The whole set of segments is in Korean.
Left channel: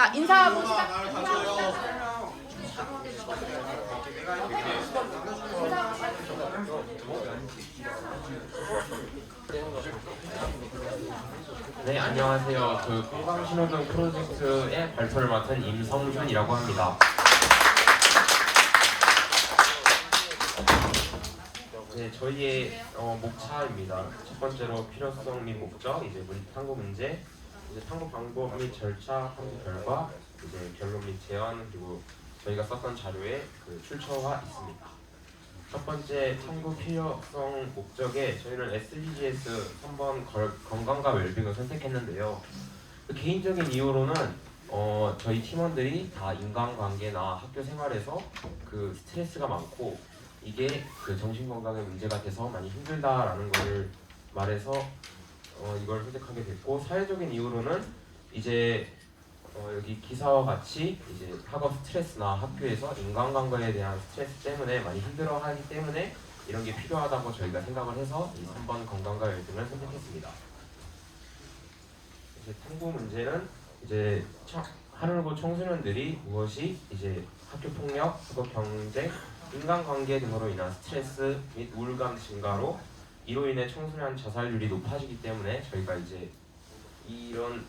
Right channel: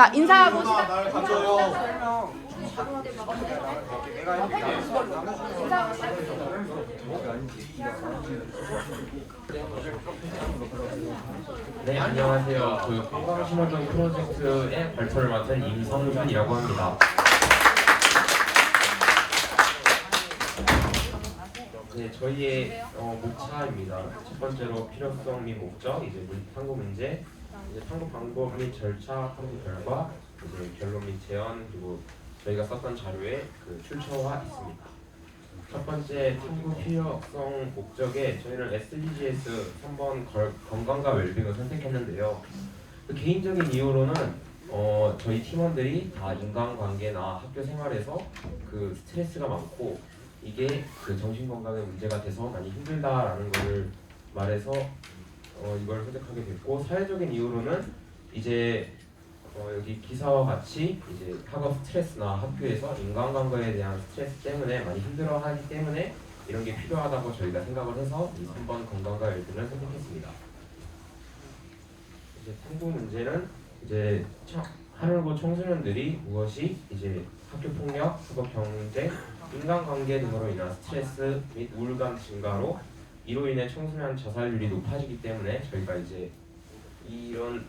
자, 인사하고 나를 가져요. 네, 안녕하세요. 건강신호등 프로젝트의 발표를 맡은 임성준이라고 합니다. 네, 저희의 목차입니다. 첫 번째로 필요성 및 목적, 이제 탐구 문제, 이제 탐구 방법 및 절차, 탐구 결과, 이제 결론 및 제안, 그리고 저희가 썼던 자료의 출처와 있습니다. 첫 번째 탐구 필요성 목적에 저희는 SDGs 3번 건강과 웰빙을 선택했는데요. 개인적인 이유로는 저희 팀원들이 다 인간관계나 학교 생활에서 스트레스가 많고 이게 정신건강에 문제가 돼서 많이 힘들다라는 것을 말해서 이걸 선택하게 됐고, 사회적인 이유로는 이제 여기 기사와 같이 이제 학업 스트레스나 학교에서 인간관계에 대한 스트레스 때문에 많이 힘들어하기 때문에 이런 게 필요하다고 저희가 생각을 해서 이 3번 건강과 웰빙을 선택했습니다. 이제 탐구 문제는 이제 하루고 청소년들이 무엇이 이제 학교 폭력, 학업 경쟁, 인간관계 등으로 인한 스트레스 및 우울감 증가로 이로 인해 청소년 자살률이 높아지기 때문에 저희가 이제 이런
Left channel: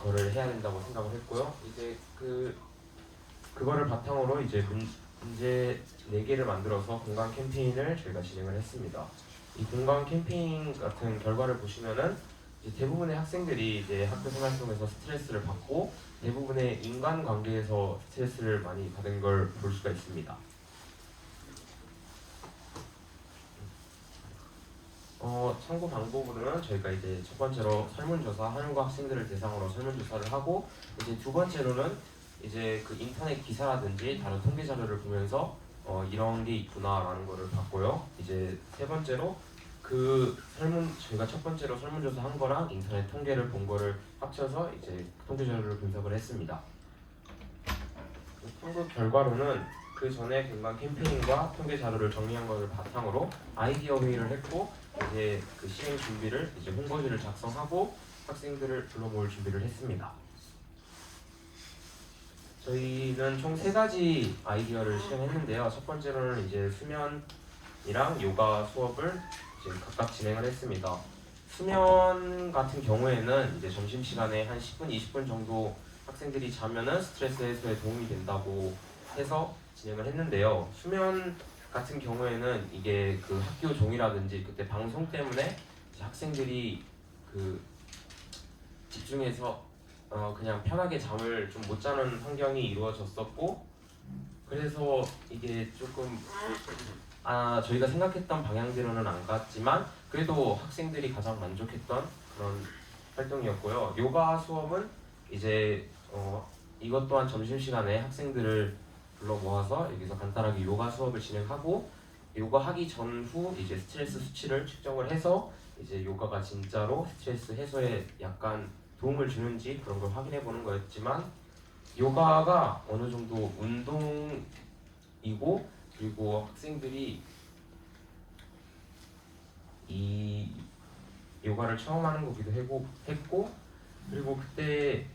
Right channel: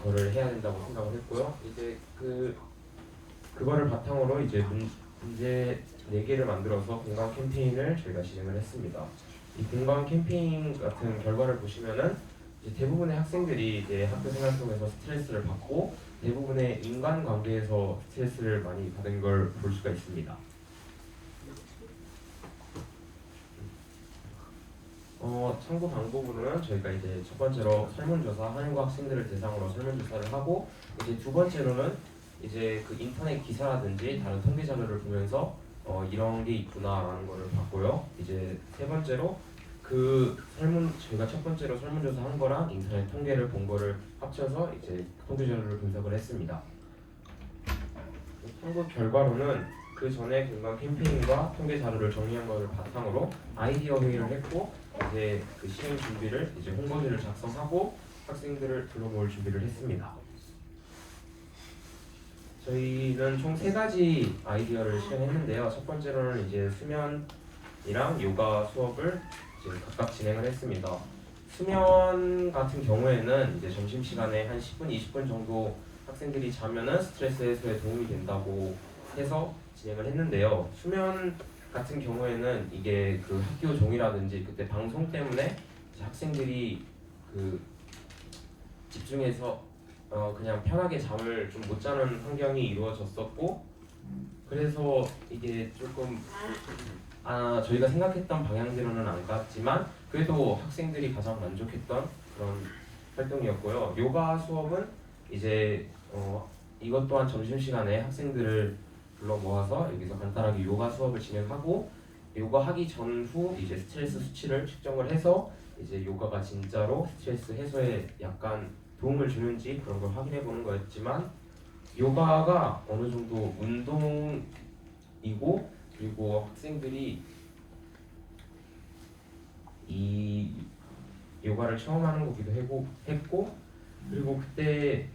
거를 해야 된다고 생각을 했고요. 이제 그거를 바탕으로 이제 문제 4개를 만들어서 공감 캠페인을 저희가 진행을 했습니다. 이 공감 캠페인 같은 결과를 보시면은 이제 대부분의 학생들이 이제 학교 생활 속에서 스트레스를 받고 대부분의 인간관계에서 스트레스를 많이 받은 걸 볼 수가 있습니다. 참고 방법으로는 저희가 이제 첫 번째로 설문조사, 한국 학생들을 대상으로 설문조사를 하고, 이제 두 번째로는 이제 인터넷 기사라든지 다른 통계 자료를 보면서 이런 게 있구나라는 거를 봤고요. 이제 세 번째로 저희가 첫 번째로 설문조사 한 거랑 인터넷 통계를 본 거를 합쳐서 이제 통계 자료를 분석을 했습니다. 탐구 결과로는 그 전에 공감 캠페인과 통계 자료를 정리한 것을 바탕으로 아이디어 회의를 했고, 이제 시행 준비를 이제 홍보지를 작성하고 학생들을 불러 모을 준비를 했습니다. 저희는 총 3가지 아이디어를 시행했는데요. 첫 번째로는 이제 수면이랑 요가 수업을 이제 각각 진행을 했습니다. 수면 같은 경우에는 이제 점심시간에 한 10분, 20분 정도 학생들이 자면은 스트레스 해소에 도움이 된다고 해서 진행을 했는데요. 수면 같은 경우에는 이게 학교 종이라든지 그때 방송 때문에 학생들이 집중해서 그냥 편하게 잠을 좀 못 자는 환경이 이루어졌었고, 그래서 이게 조금 저희가 생각했던 방향대로는 안 갔지만 그래도 학생들이 가장 만족했던 그런 활동이었고요. 요가 수업은 이제 이것 또한 점심시간에 학생들을 불러 모아서 여기서 간단하게 요가 수업을 진행하고, 요가 하기 전후 이제 스트레스 수치를 측정을 해서 이제 요가가 진짜로 스트레스 해소에 약간 도움을 주는지 그런 걸 확인해 보는 거였지만, 요가가 어느 정도 운동이고 그리고 학생들이 이 요가를 처음 하는 거기도 했고, 그리고 그때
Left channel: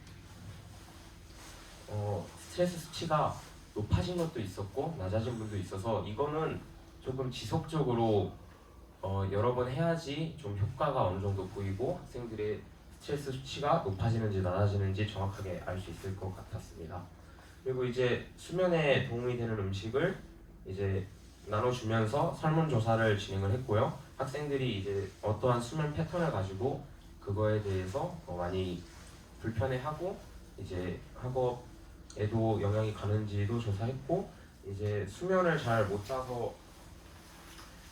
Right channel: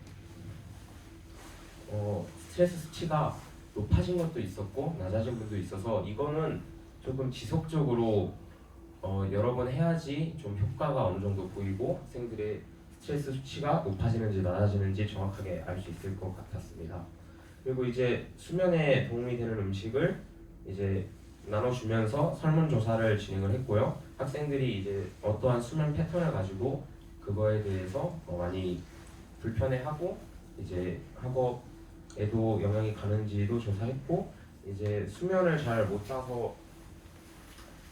스트레스 수치가 높아진 것도 있었고 낮아진 분도 있어서 이거는 조금 지속적으로 여러 번 해야지 좀 효과가 어느 정도 보이고 학생들의 스트레스 수치가 높아지는지 낮아지는지 정확하게 알 수 있을 것 같았습니다. 그리고 이제 수면에 도움이 되는 음식을 이제 나눠주면서 설문조사를 진행을 했고요. 학생들이 이제 어떠한 수면 패턴을 가지고 그거에 대해서 많이 불편해하고 이제 학업에도 영향이 가는지도 조사했고, 이제 수면을 잘 못 자서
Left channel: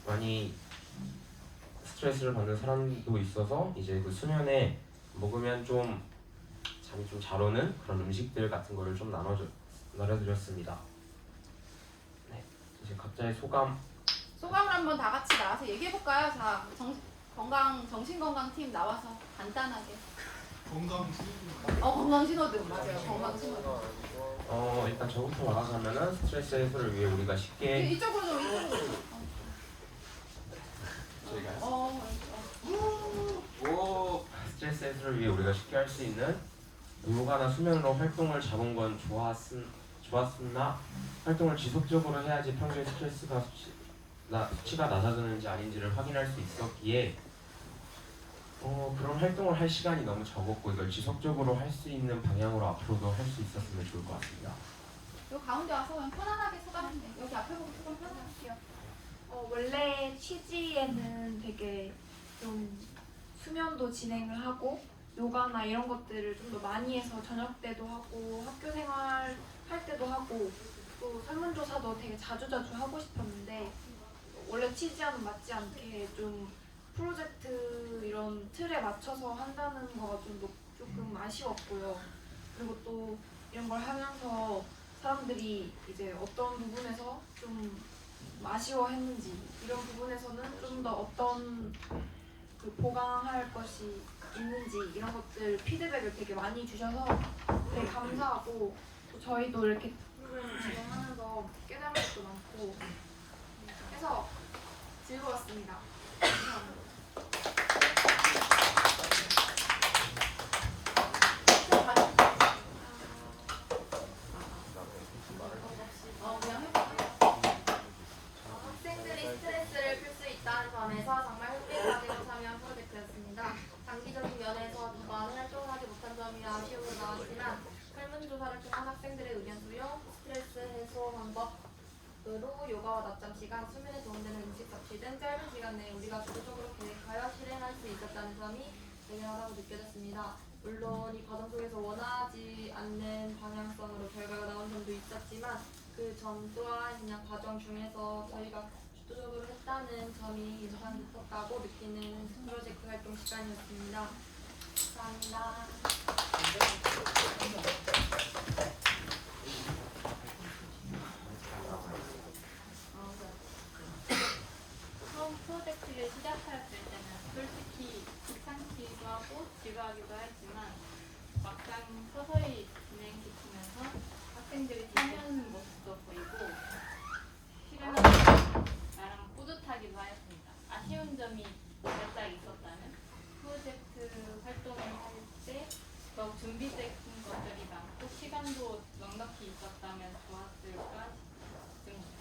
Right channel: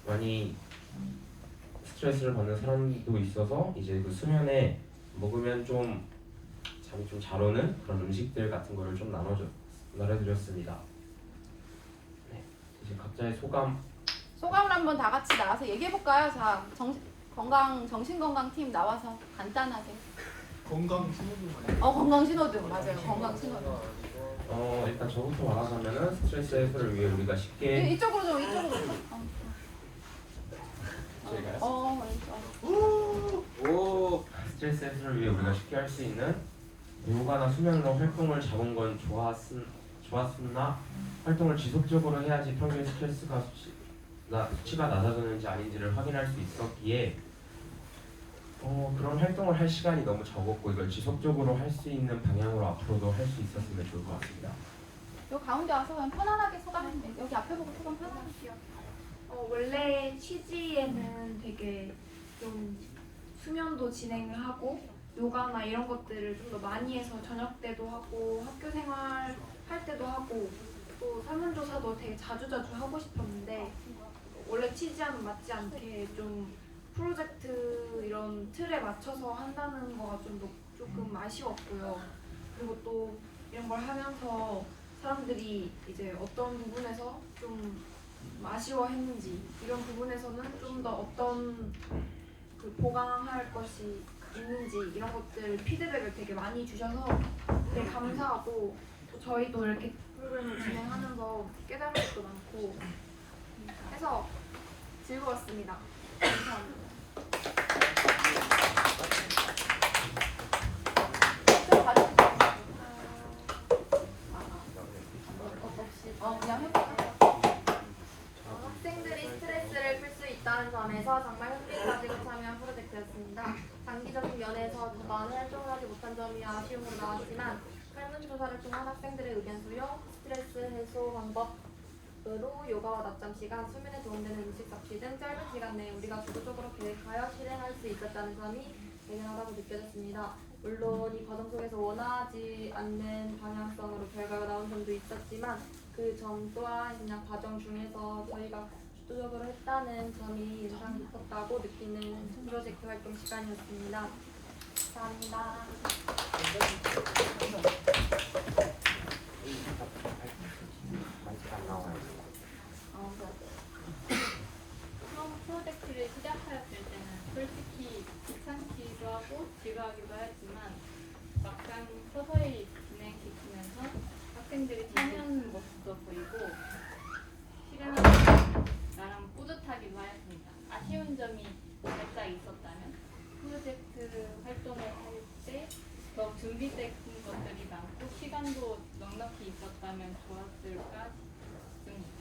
많이 스트레스를 받는 사람도 있어서 이제 수면에 먹으면 좀 잠이 좀 잘 오는 그런 음식들 같은 거를 좀 나눠드렸습니다. 네, 이제 각자의 소감을 한번 다 같이 나와서 얘기해 볼까요? 자, 정신건강팀 나와서 간단하게. 건강 신호등 건강 신호등 맞아요. 건강 신호등. 일단 저부터 말하자면은 스트레스 해소를 위해 우리가 쉽게 이쪽으로 좀 저희가요? 스트레스 해소를 위해 우리가 쉽게 할 수 있는 요가나 수면으로 활동을 잡은 건 좋았으나 활동을 지속적으로 해야지 평소에 스트레스가 수치가 낮아졌는지 아닌지를 확인할 수 있었기에 그런 활동을 할 시간이 너무 적었고 이걸 지속적으로 할 수 있는 방향으로 앞으로도 할 수 있었으면 좋을 것 같습니다. 요 가운데 와서 그냥 편안하게 소감하면 돼. 여기 앞에 보고 소감 편안할게요. 원래 취지에는 되게 좀 수면도 진행을 하고 요가나 이런 것들을 좀 더 많이 해서 저녁 때도 하고 학교 생활 할 때도 하고 또 설문조사도 되게 자주자주 하고 싶었는데 원래 취지와는 맞지 않게 좀 프로젝트 이런 틀에 맞춰서 한다는 거가 조금 아쉬웠고요. 그리고 또 이런 걸 하면서 사람들이 이제 어떤 부분에서 좀 아쉬워했는지 이런 부분에서는 좀 더 어떤 그 보강할 것이 있는지 이런 것들 피드백을 되게 많이 주셔서 되게 감사하고 또 저희도 이렇게 프로그램을 진행하면서 깨달은 것도 많고 해서 즐거웠습니다. 감사합니다. 그냥 해볼게요. 학생들이 스트레스를 풀 수 있다는 점에서 정말 흥미를 가지고 참여한 프로젝트였습니다. 단기적인 면에서 저번 활동을 하지 못한 점이 아쉬움으로 나왔지만 설문조사를 통한 학생들의 의견 수용, 스트레스 해소 방법으로 요가와 낮잠 시간, 수면에 도움되는 음식 섭취 등 짧은 시간 내에 우리가 주도적으로 계획하여 실행할 수 있었다는 점이 대단하다고 느껴졌습니다. 물론 이 과정 속에서 원하지 않는 방향성으로 결과가 나온 점도 있었지만 그 점 또한 그냥 과정 중에서 저희가 주도적으로 했다는 점이 인상 깊었다고 느끼는 프로젝트 활동 시간이었습니다. 감사합니다. 처음 프로젝트를 시작하였을 때는 솔직히 귀찮기도 하고 지루하기도 했지만 막상 서서히 진행시키면서 학생들이 참여하는 모습도 보이고 실행하면서 나름 뿌듯하기도 하였습니다. 아쉬운 점이 살짝 있었다면 프로젝트 활동을 할 때 더욱 준비된 것들이 많고 시간도 넉넉히 있었다면 좋았을까 싶습니다.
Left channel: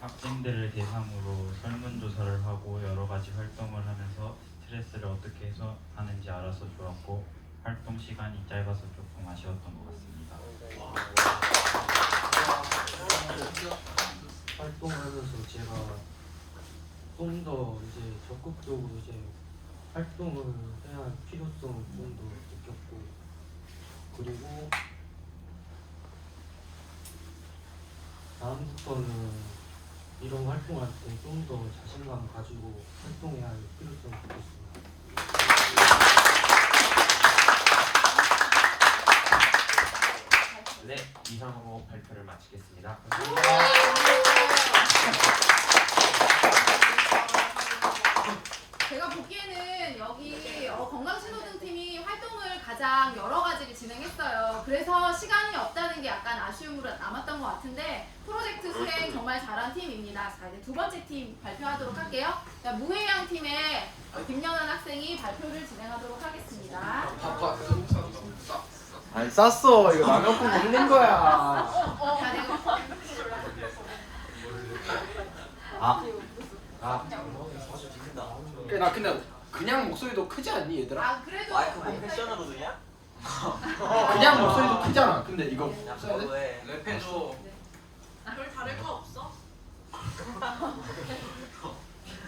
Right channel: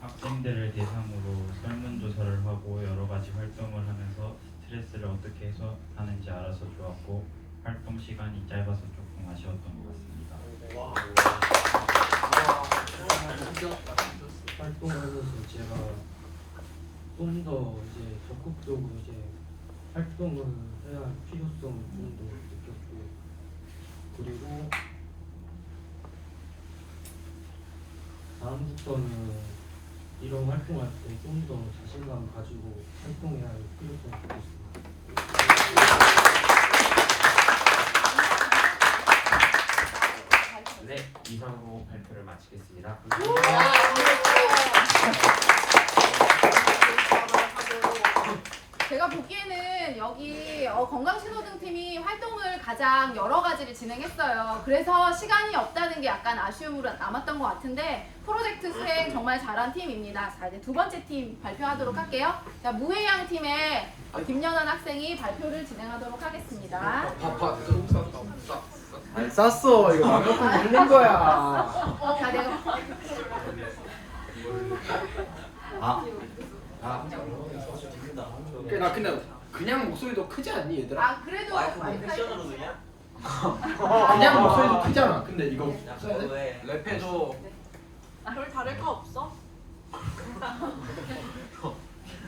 학생들을 대상으로 설문조사를 하고 여러 가지 활동을 하면서 스트레스를 어떻게 해소하는지 알아서 좋았고 활동 시간이 짧아서 조금 아쉬웠던 것 같습니다. 활동하면서 제가 좀 더 이제 적극적으로 이제 활동을 해야 할 필요성을 좀 더 느꼈고 그리고 다음부터는 이런 활동할 때 좀 더 자신감 가지고 활동해야 할 필요성을 느꼈습니다. 네, 이상으로 발표를 마치겠습니다. 제가 보기에는 여기 건강신호등 팀이 활동을 가장 여러 가지를 진행했어요. 그래서 시간이 없다는 게 약간 아쉬움으로 남았던 것 같은데 프로젝트 수행 정말 잘한 팀입니다. 자, 이제 두 번째 팀 발표하도록 할게요. 자, 무해양 팀의 김연한 학생이 발표를 진행하도록 하겠습니다. 아니 쌌어 이거 남녀품 흘린 거야. 자, 내가 나 근데 그냥 목소리도 크지 않니 얘들아? 그래도 패션으로 그냥? 그냥 목소리도 크잖아. 근데 이거 써야 돼? 랩해줘. 별 다를 거 없어?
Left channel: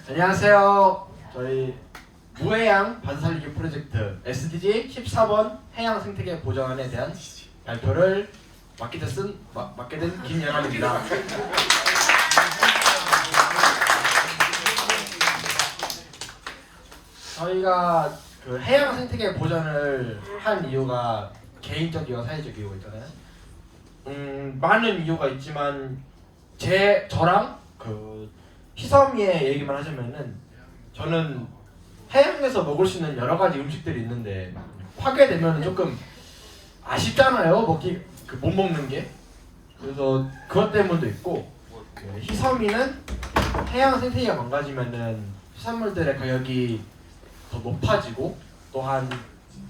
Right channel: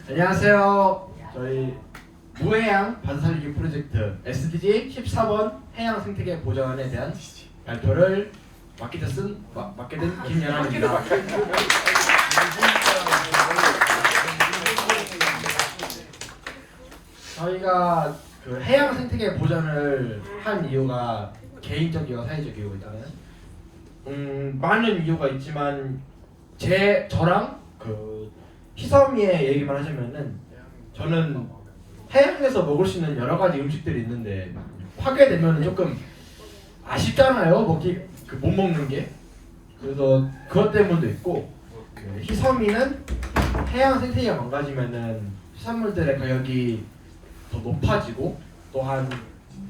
안녕하세요. 저희 무해양 반살기 프로젝트 SDG 14번 해양 생태계 보전에 대한 발표를 맡게 된 김연아입니다. 저희가 그 해양 생태계 보전을 한 이유가 개인적이고 사회적 이유가 있잖아요. 많은 이유가 있지만 저랑 그 희섬이의 얘기만 하자면은 저는 해양에서 먹을 수 있는 여러 가지 음식들이 있는데 파괴되면 조금 아쉽잖아요. 못 먹는 게. 그래서 그것 때문도 있고 희섬이는 해양 생태계가 망가지면은 해산물들의 가격이 더 높아지고 또한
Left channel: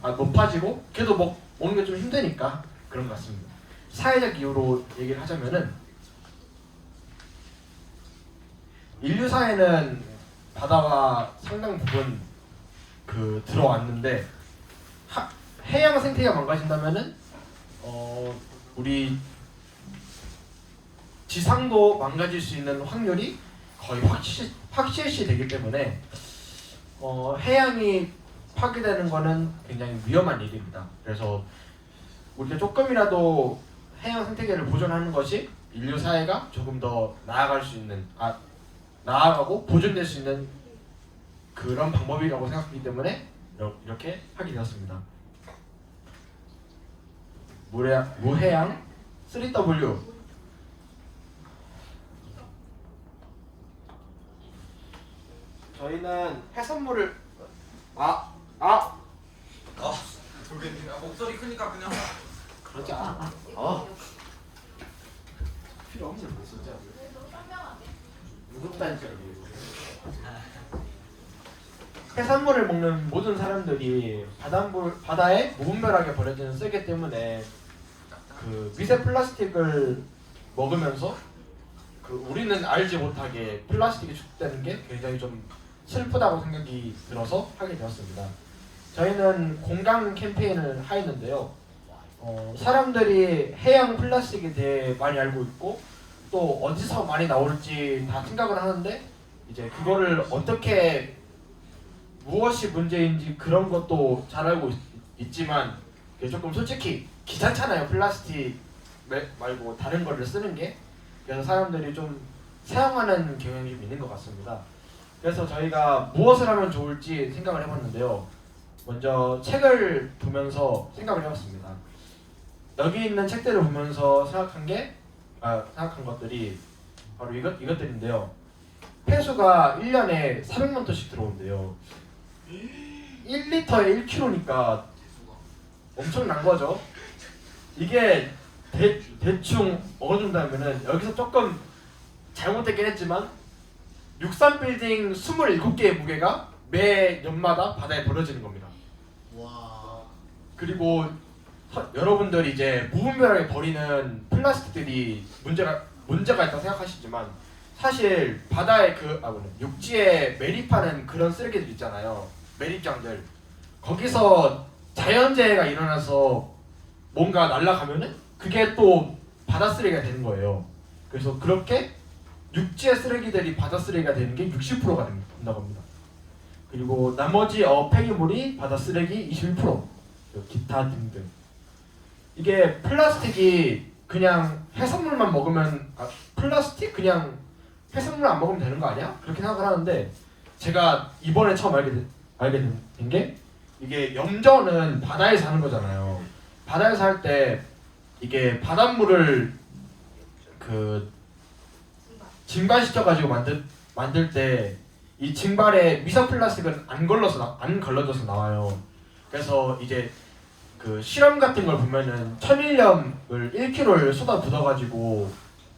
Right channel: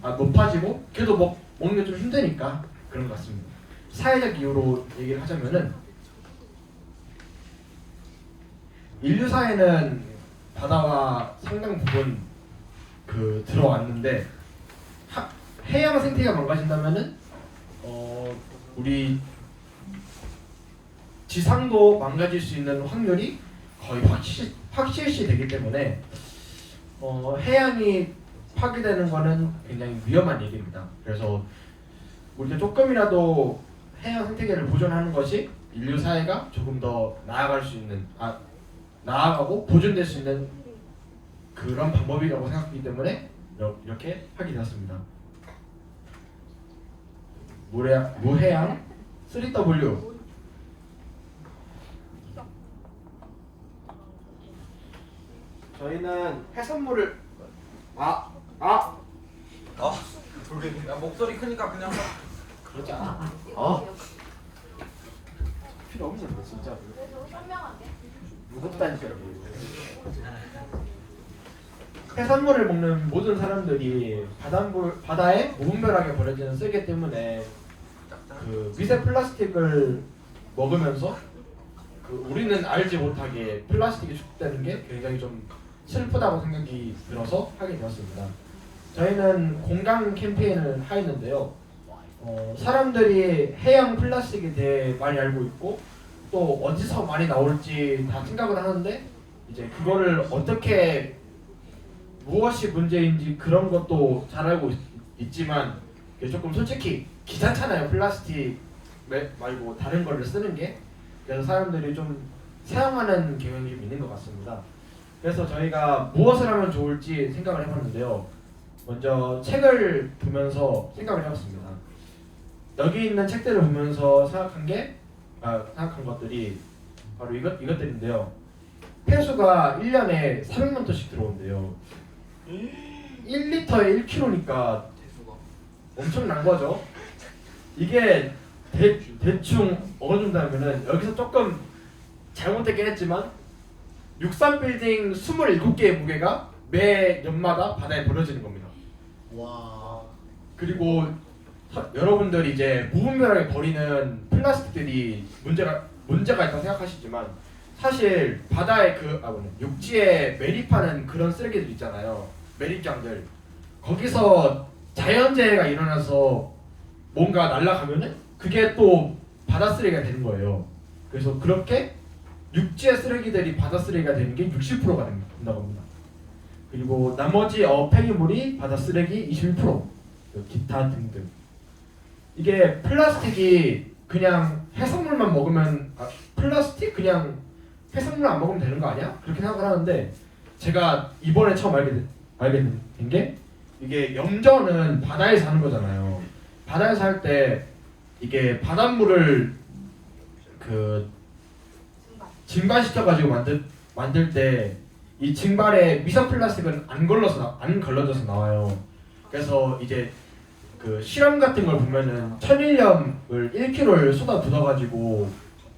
높아지고 그래도 먹는 게 좀 힘드니까 그런 것 같습니다. 사회적 이유로 얘기를 하자면은 인류 사회는 바다가 상당 부분 들어왔는데 해양 생태계가 망가진다면은 우리 지상도 망가질 수 있는 확률이 거의 확실시 되기 때문에 해양이 파괴되는 거는 굉장히 위험한 얘기입니다. 그래서 우리가 조금이라도 해양 생태계를 보존하는 것이 인류 사회가 조금 더 나아갈 수 있는 나아가고 보존될 수 있는 그런 방법이라고 생각하기 때문에 이렇게 하게 되었습니다. 무해양 3W 저희는 해산물을 야 목소리 크니까 그냥 그러지 않아. 필요 없는 거 진짜. 무섭다는 소리. 해산물을 먹는 모든 사람들이 바다에 무분별하게 버려지는 쓰레기 때문에 미세 플라스틱을 먹으면서 우리는 알지 못하게 플라스틱이 축되는 게 굉장히 좀 슬프다고 생각이 들어서 하게 되었습니다. 저희는 공감 캠페인을 하였는데요. 사람들이 해양 플라스틱에 대해 많이 알고 있고 또 어디서 많이 나올지 다 생각을 하는데 이제 그거를 어떻게 무엇이 문제인지 그런 것도 잘 알고 있지만 조금 솔직히 귀찮잖아요. 플라스틱 말고 다른 거를 쓰는 게. 그래서 사람들이 좀 사용하는 경향이 좀 있는 것 같습니다. 그래서 저희가 무엇을 하면 좋을지 생각을 해봤는데요. 먼저 책을 보면서 생각을 해봤습니다. 여기 있는 책들을 보면서 생각한 것들이 바로 이것들인데요. 폐수가 1년에 400만 톤씩 들어온대요. 1리터에 1kg니까 엄청난 거죠. 이게 대충 어준다면은 여기서 조금 잘못되긴 했지만 63빌딩 27개의 무게가 매 년마다 바다에 버려지는 겁니다. 와. 그리고 여러분들이 이제 무분별하게 버리는 플라스틱들이 문제가 있다고 생각하시지만 사실 바다에 육지에 매립하는 그런 쓰레기들 있잖아요. 매립장들. 거기서 자연재해가 일어나서 뭔가 날아가면은 그게 또 바다 쓰레기가 되는 거예요. 그래서 그렇게 육지의 쓰레기들이 바다 쓰레기가 되는 게 60%가 된다고 합니다. 그리고 나머지 폐기물이 바다 쓰레기 21%, 기타 등등. 이게 플라스틱이 그냥 해산물만 먹으면 플라스틱 그냥 해산물 안 먹으면 되는 거 아니야? 그렇게 생각을 하는데 제가 이번에 처음 알게 된 게 이게 염전은 바다에 사는 거잖아요. 바다에서 할 때 이게 바닷물을 증발시켜가지고 만들 때 이 증발에 미세 플라스틱은 안 걸러져서 나와요. 그래서 이제 실험 같은 걸 보면은 천일염을 1kg를 쏟아 붓어가지고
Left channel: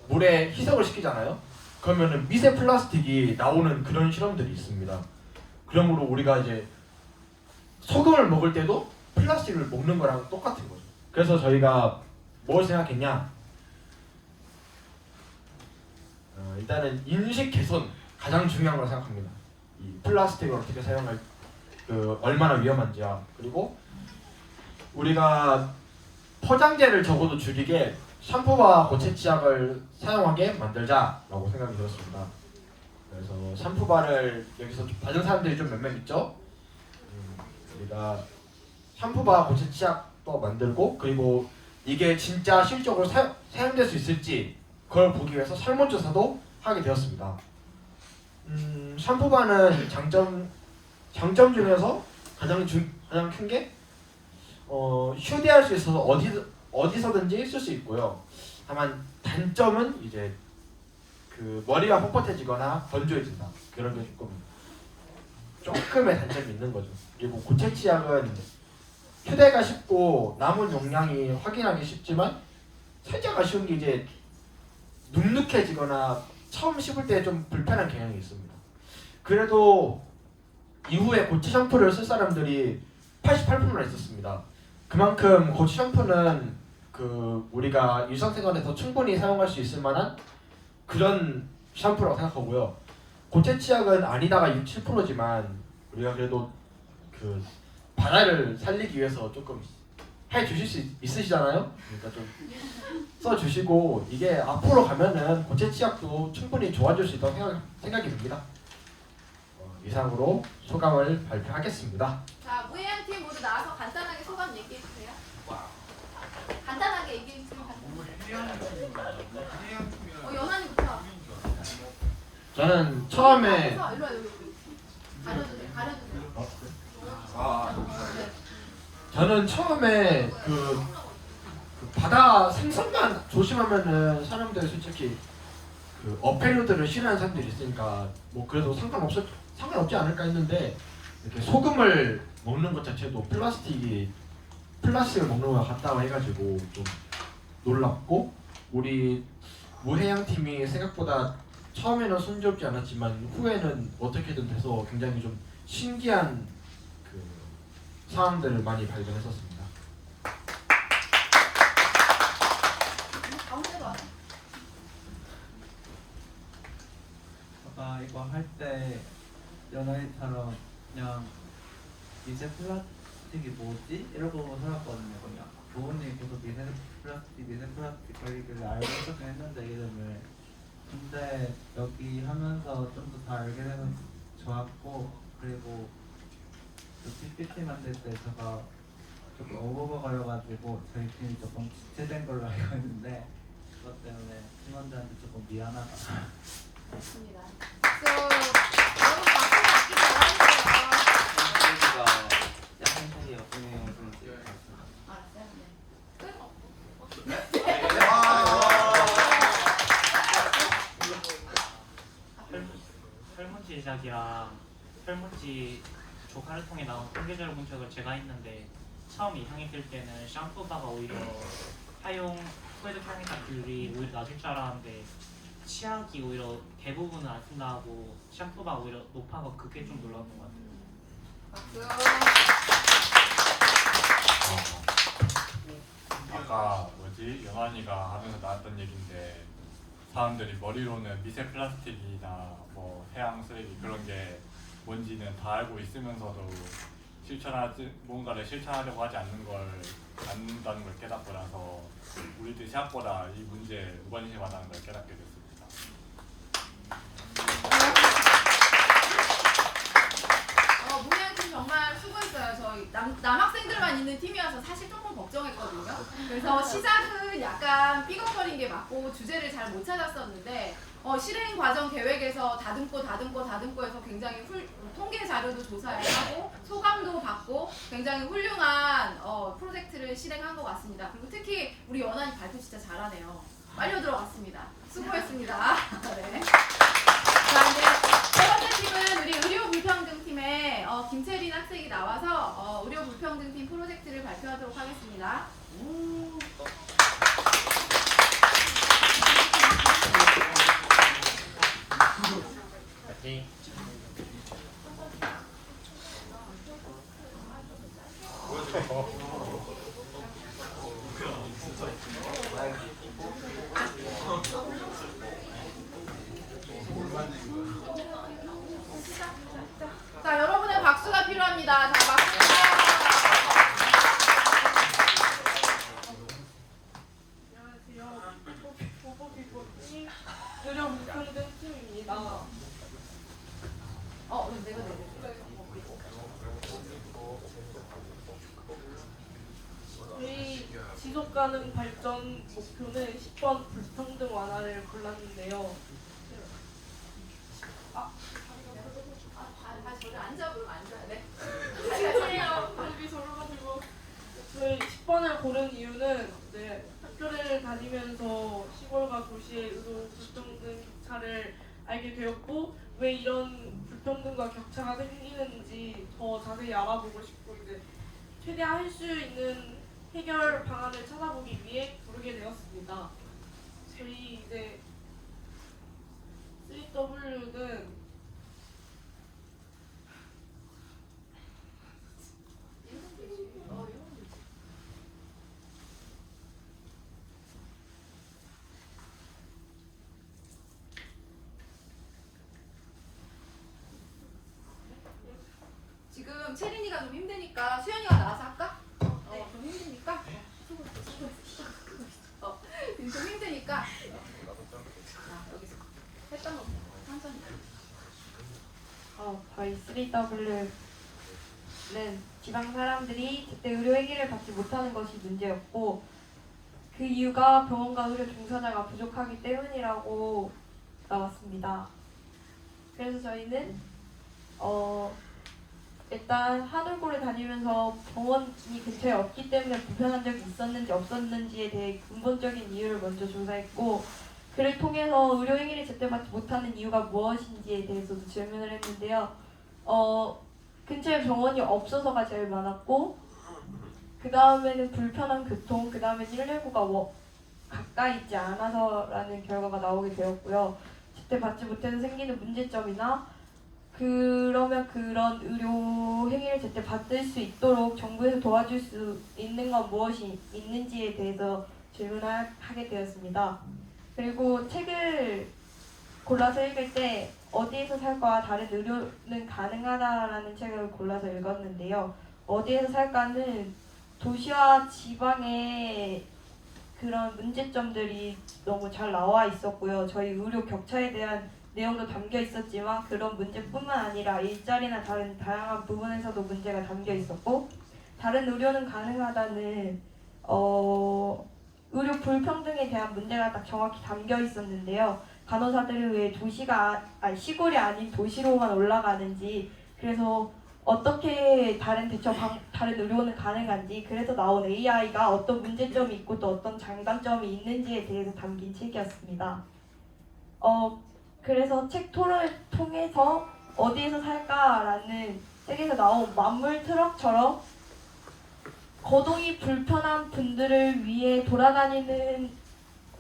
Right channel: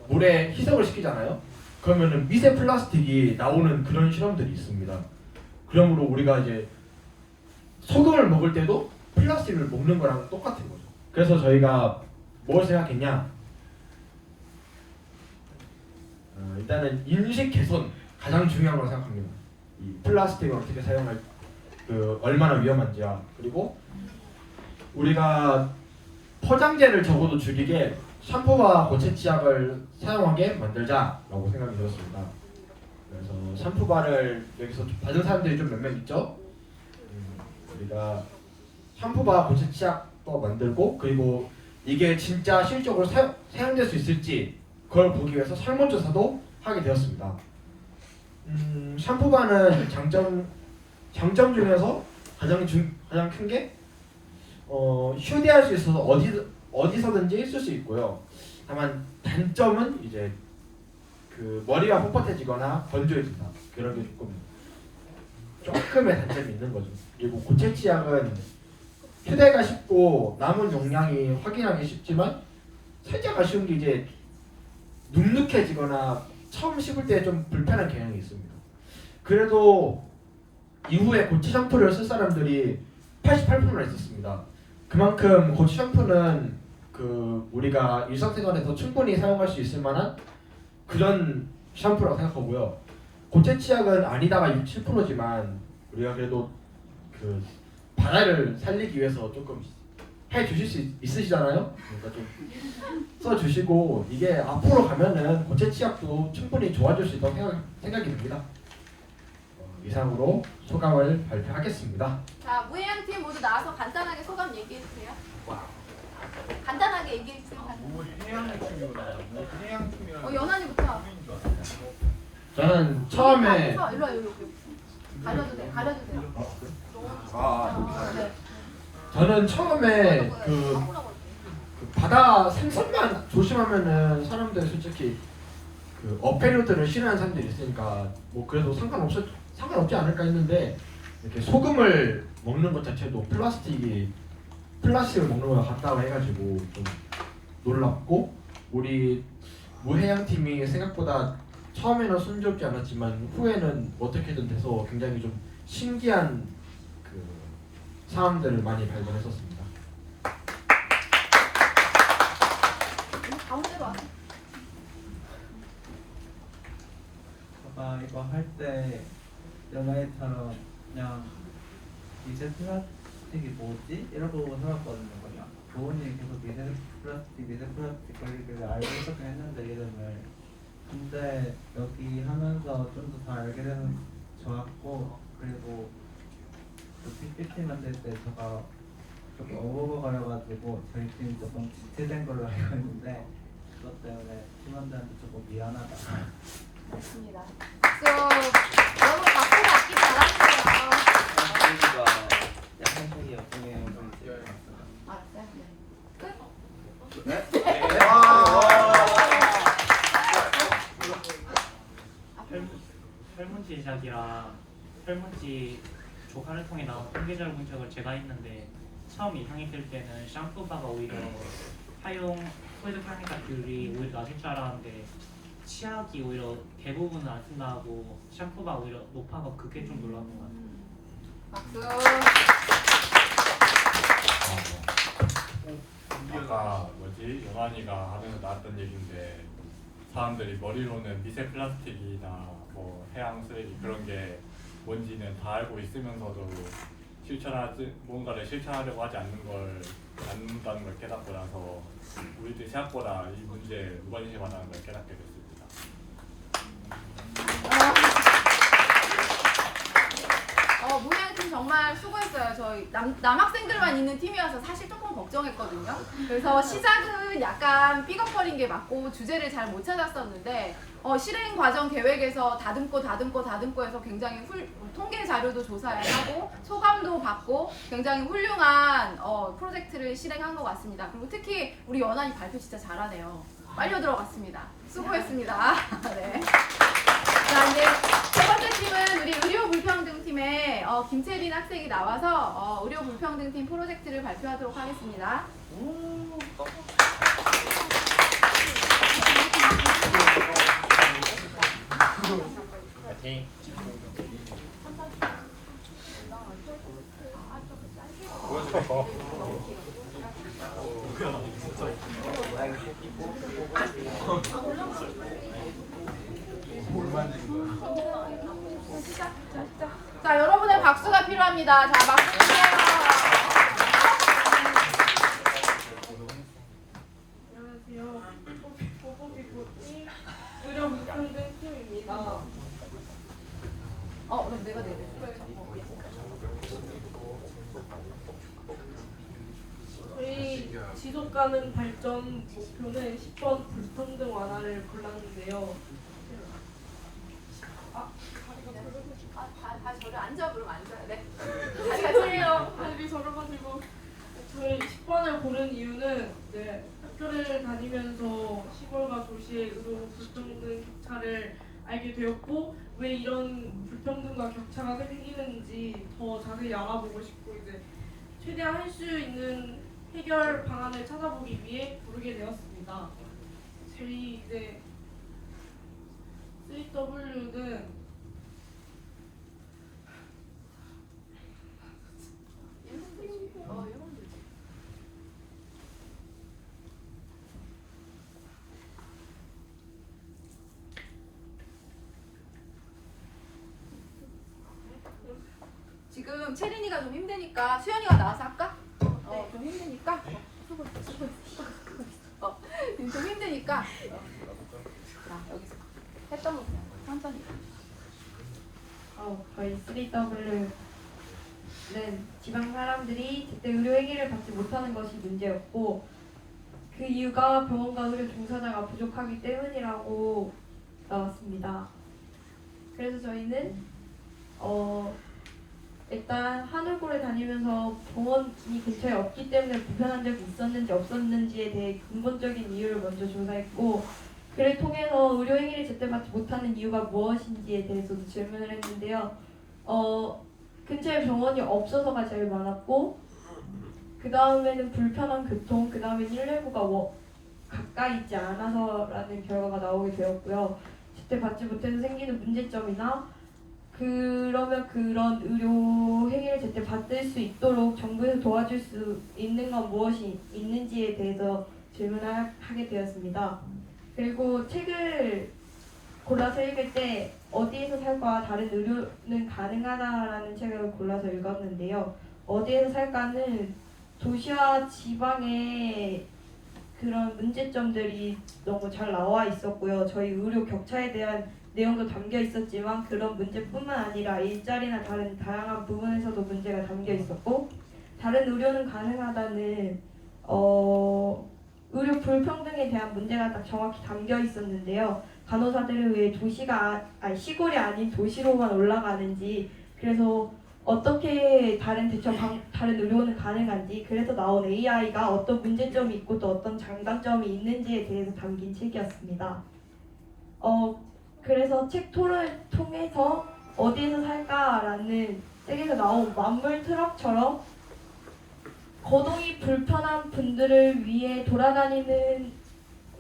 물에 희석을 시키잖아요. 그러면은 미세 플라스틱이 나오는 그런 실험들이 있습니다. 그러므로 우리가 이제 소금을 먹을 때도 플라스틱을 먹는 거랑 똑같은 거죠. 그래서 저희가 뭘 생각했냐? 일단은 인식 개선 가장 중요한 걸 생각합니다. 이 플라스틱을 어떻게 사용할 얼마나 위험한지와 그리고 우리가 포장재를 적어도 줄이게 샴푸와 고체 치약을 사용하게 만들자라고 생각이 들었습니다. 그래서 샴푸바를 여기서 받은 사람들이 좀 몇몇 있죠. 우리가 샴푸바 고체 치약도 만들고 그리고 이게 진짜 실적으로 사용될 수 있을지 그걸 보기 위해서 설문조사도 하게 되었습니다. 샴푸바는 장점 중에서 가장 큰 게 휴대할 수 있어서 어디서든지 쓸 수 있고요. 다만 단점은 이제 머리가 뻣뻣해지거나 건조해진다. 그런 게 조금의 단점이 있는 거죠. 그리고 고체 치약은 휴대가 쉽고 남은 용량이 확인하기 쉽지만 살짝 아쉬운 게 이제 눅눅해지거나 처음 씹을 때 좀 불편한 경향이 있습니다. 그래도 이후에 고체 샴푸를 쓸 사람들이 88%나 있었습니다. 그만큼 고체 샴푸는 우리가 일상생활에서 충분히 사용할 수 있을 만한 그런 샴푸라고 생각하고요. 고체 치약은 아니다가 67%지만 우리가 그래도 바다를 살리기 위해서 조금 해 주실 수 있으시잖아요. 그러니까 좀 써주시고 이게 앞으로 가면은 고체 치약도 충분히 좋아질 수 있다고 생각이 듭니다. 이상으로 소감을 발표하겠습니다. 자, 무해양 팀 모두 나와서 간단하게 소감 얘기해 주세요. 간단하게 얘기해 주세요. 연한이부터. 저는 처음에 일로 와, 일로. 가려주세요. 저는 처음에 그 바다 생선만 조심하면은 사람들이 솔직히 어패류들을 싫어하는 사람들이 있으니까 뭐 그래도 상관없지 않을까 했는데 이렇게 소금을 먹는 것 자체도 플라스틱을 먹는 것 같다고 해가지고 좀 놀랍고 우리 무해양 팀이 생각보다 처음에는 순조롭지 않았지만 후에는 어떻게든 돼서 굉장히 좀 신기한 상황들을 많이 발견했었습니다. 아까 이거 할 때 연아이처럼 그냥 미세 플라스틱이 뭐지? 이러고 살았거든요. 그냥 부모님이 계속 미세 플라스틱 거리를 알고 있었긴 했는데 이름을. 근데 여기 하면서 좀 더 잘 알게 되면 좋았고, 그리고 PPT 만들 때 제가 조금 오버거려가지고 저희 팀이 조금 지체된 걸로 알고 있는데 그것 때문에 팀원들한테 조금 미안하다. 좋습니다. 여러분 박수 받기 바랍니다. 설문지 제작이랑 설문지 조사를 통해 나온 통계자료 분석을 제가 했는데 처음 예상했을 때는 샴푸바가 오히려 사용 소득 사용자들이 오히려 낮을 줄 알았는데 치약이 오히려 대부분은 안 쓴다고 샴푸바 오히려 높아서 그게 좀 놀랐던 것 같아요. 아까 연환이가 하면서 나왔던 얘기인데 사람들이 머리로는 미세 플라스틱이나 뭐 해양 쓰레기 그런 게 뭔지는 다 알고 있으면서도 뭔가를 실천하려고 하지 않는다는 걸 깨닫고 나서 우리들이 생각보다 이 문제에 무관심하다는 걸 깨닫게 됐습니다. 무해양팀 정말 수고했어요. 저희 남학생들만 있는 팀이어서 사실 조금 걱정했거든요. 그래서 시작은 약간 삐걱거린 게 맞고 주제를 잘 못 찾았었는데 실행 과정 계획에서 다듬고 해서 굉장히 통계 자료도 조사를 하고 소감도 받고 굉장히 훌륭한 프로젝트를 실행한 것 같습니다. 그리고 특히 우리 연한이 발표 진짜 잘하네요. 빨려 들어갔습니다. 수고했습니다. 네. 자, 이제 세 번째 팀은 우리 의료불평등팀의 김채린 학생이 나와서 의료불평등팀 프로젝트를 발표하도록 하겠습니다. 자, 여러분의 박수가 필요합니다. 자, 박수 주세요. 안녕하세요. 보보기보팀 의료불평등팀입니다. 그럼 내가 저희 지속가능 발전 목표는 10번 불평등 완화를 골랐는데요. 저를 앉아 그러면 앉아야 돼. 죄송해요. 발이 저러가지고 저희 10번을 고른 이유는 학교를 다니면서 시골과 도시의 의료 불평등 차를 알게 되었고 왜 이런 불평등과 격차가 생기는지 더 자세히 알아보고 싶고 최대한 할 수 있는 해결 방안을 찾아보기 위해 부르게 되었습니다. 저희 3W는 지금 채린이가 좀 힘드니까 수연이가 나와서 할까? 좀 힘드니까 좀 힘드니까 여기서 했던 거 그냥 천천히. 저희 3W는 지방 사람들이 그때 의료행위를 받지 못하는 것이 문제였고 그 이유가 병원과 의료 종사자가 부족하기 때문이라고 나왔습니다. 그래서 저희는 일단 한울고를 다니면서 병원이 근처에 없기 때문에 불편한 적이 있었는지 없었는지에 대해 근본적인 이유를 먼저 조사했고 그를 통해서 의료행위를 제때 받지 못하는 이유가 무엇인지에 대해서도 질문을 했는데요. 근처에 병원이 없어서가 제일 많았고 그 다음에는 불편한 교통, 그 다음에 119가 가까이 있지 않아서라는 결과가 나오게 되었고요. 제때 받지 못해서 생기는 문제점이나 그러면 그런 의료 행위를 제때 받을 수 있도록 정부에서 도와줄 수 있는 건 무엇이 있는지에 대해서 질문을 하게 되었습니다. 그리고 책을 골라서 읽을 때 어디에서 살까와 다른 의료는 가능하다라는 책을 골라서 읽었는데요. 어디에서 살까는 도시와 지방의 그런 문제점들이 너무 잘 나와 있었고요. 저희 의료 격차에 대한 내용도 담겨 있었지만 그런 문제뿐만 아니라 일자리나 다른 다양한 부분에서도 문제가 담겨 있었고 다른 의료는 가능하다는 의료 불평등에 대한 문제가 딱 정확히 담겨 있었는데요. 간호사들을 왜 시골이 아닌 도시로만 올라가는지 그래서 어떻게 다른 의료는 가능한지 그래서 나온 AI가 어떤 문제점이 있고 또 어떤 장단점이 있는지에 대해서 담긴 책이었습니다. 그래서 책 토론을 통해서 어디에서 살까라는 책에서 나온 만물 트럭처럼 거동이 불편한 분들을 위해 돌아다니는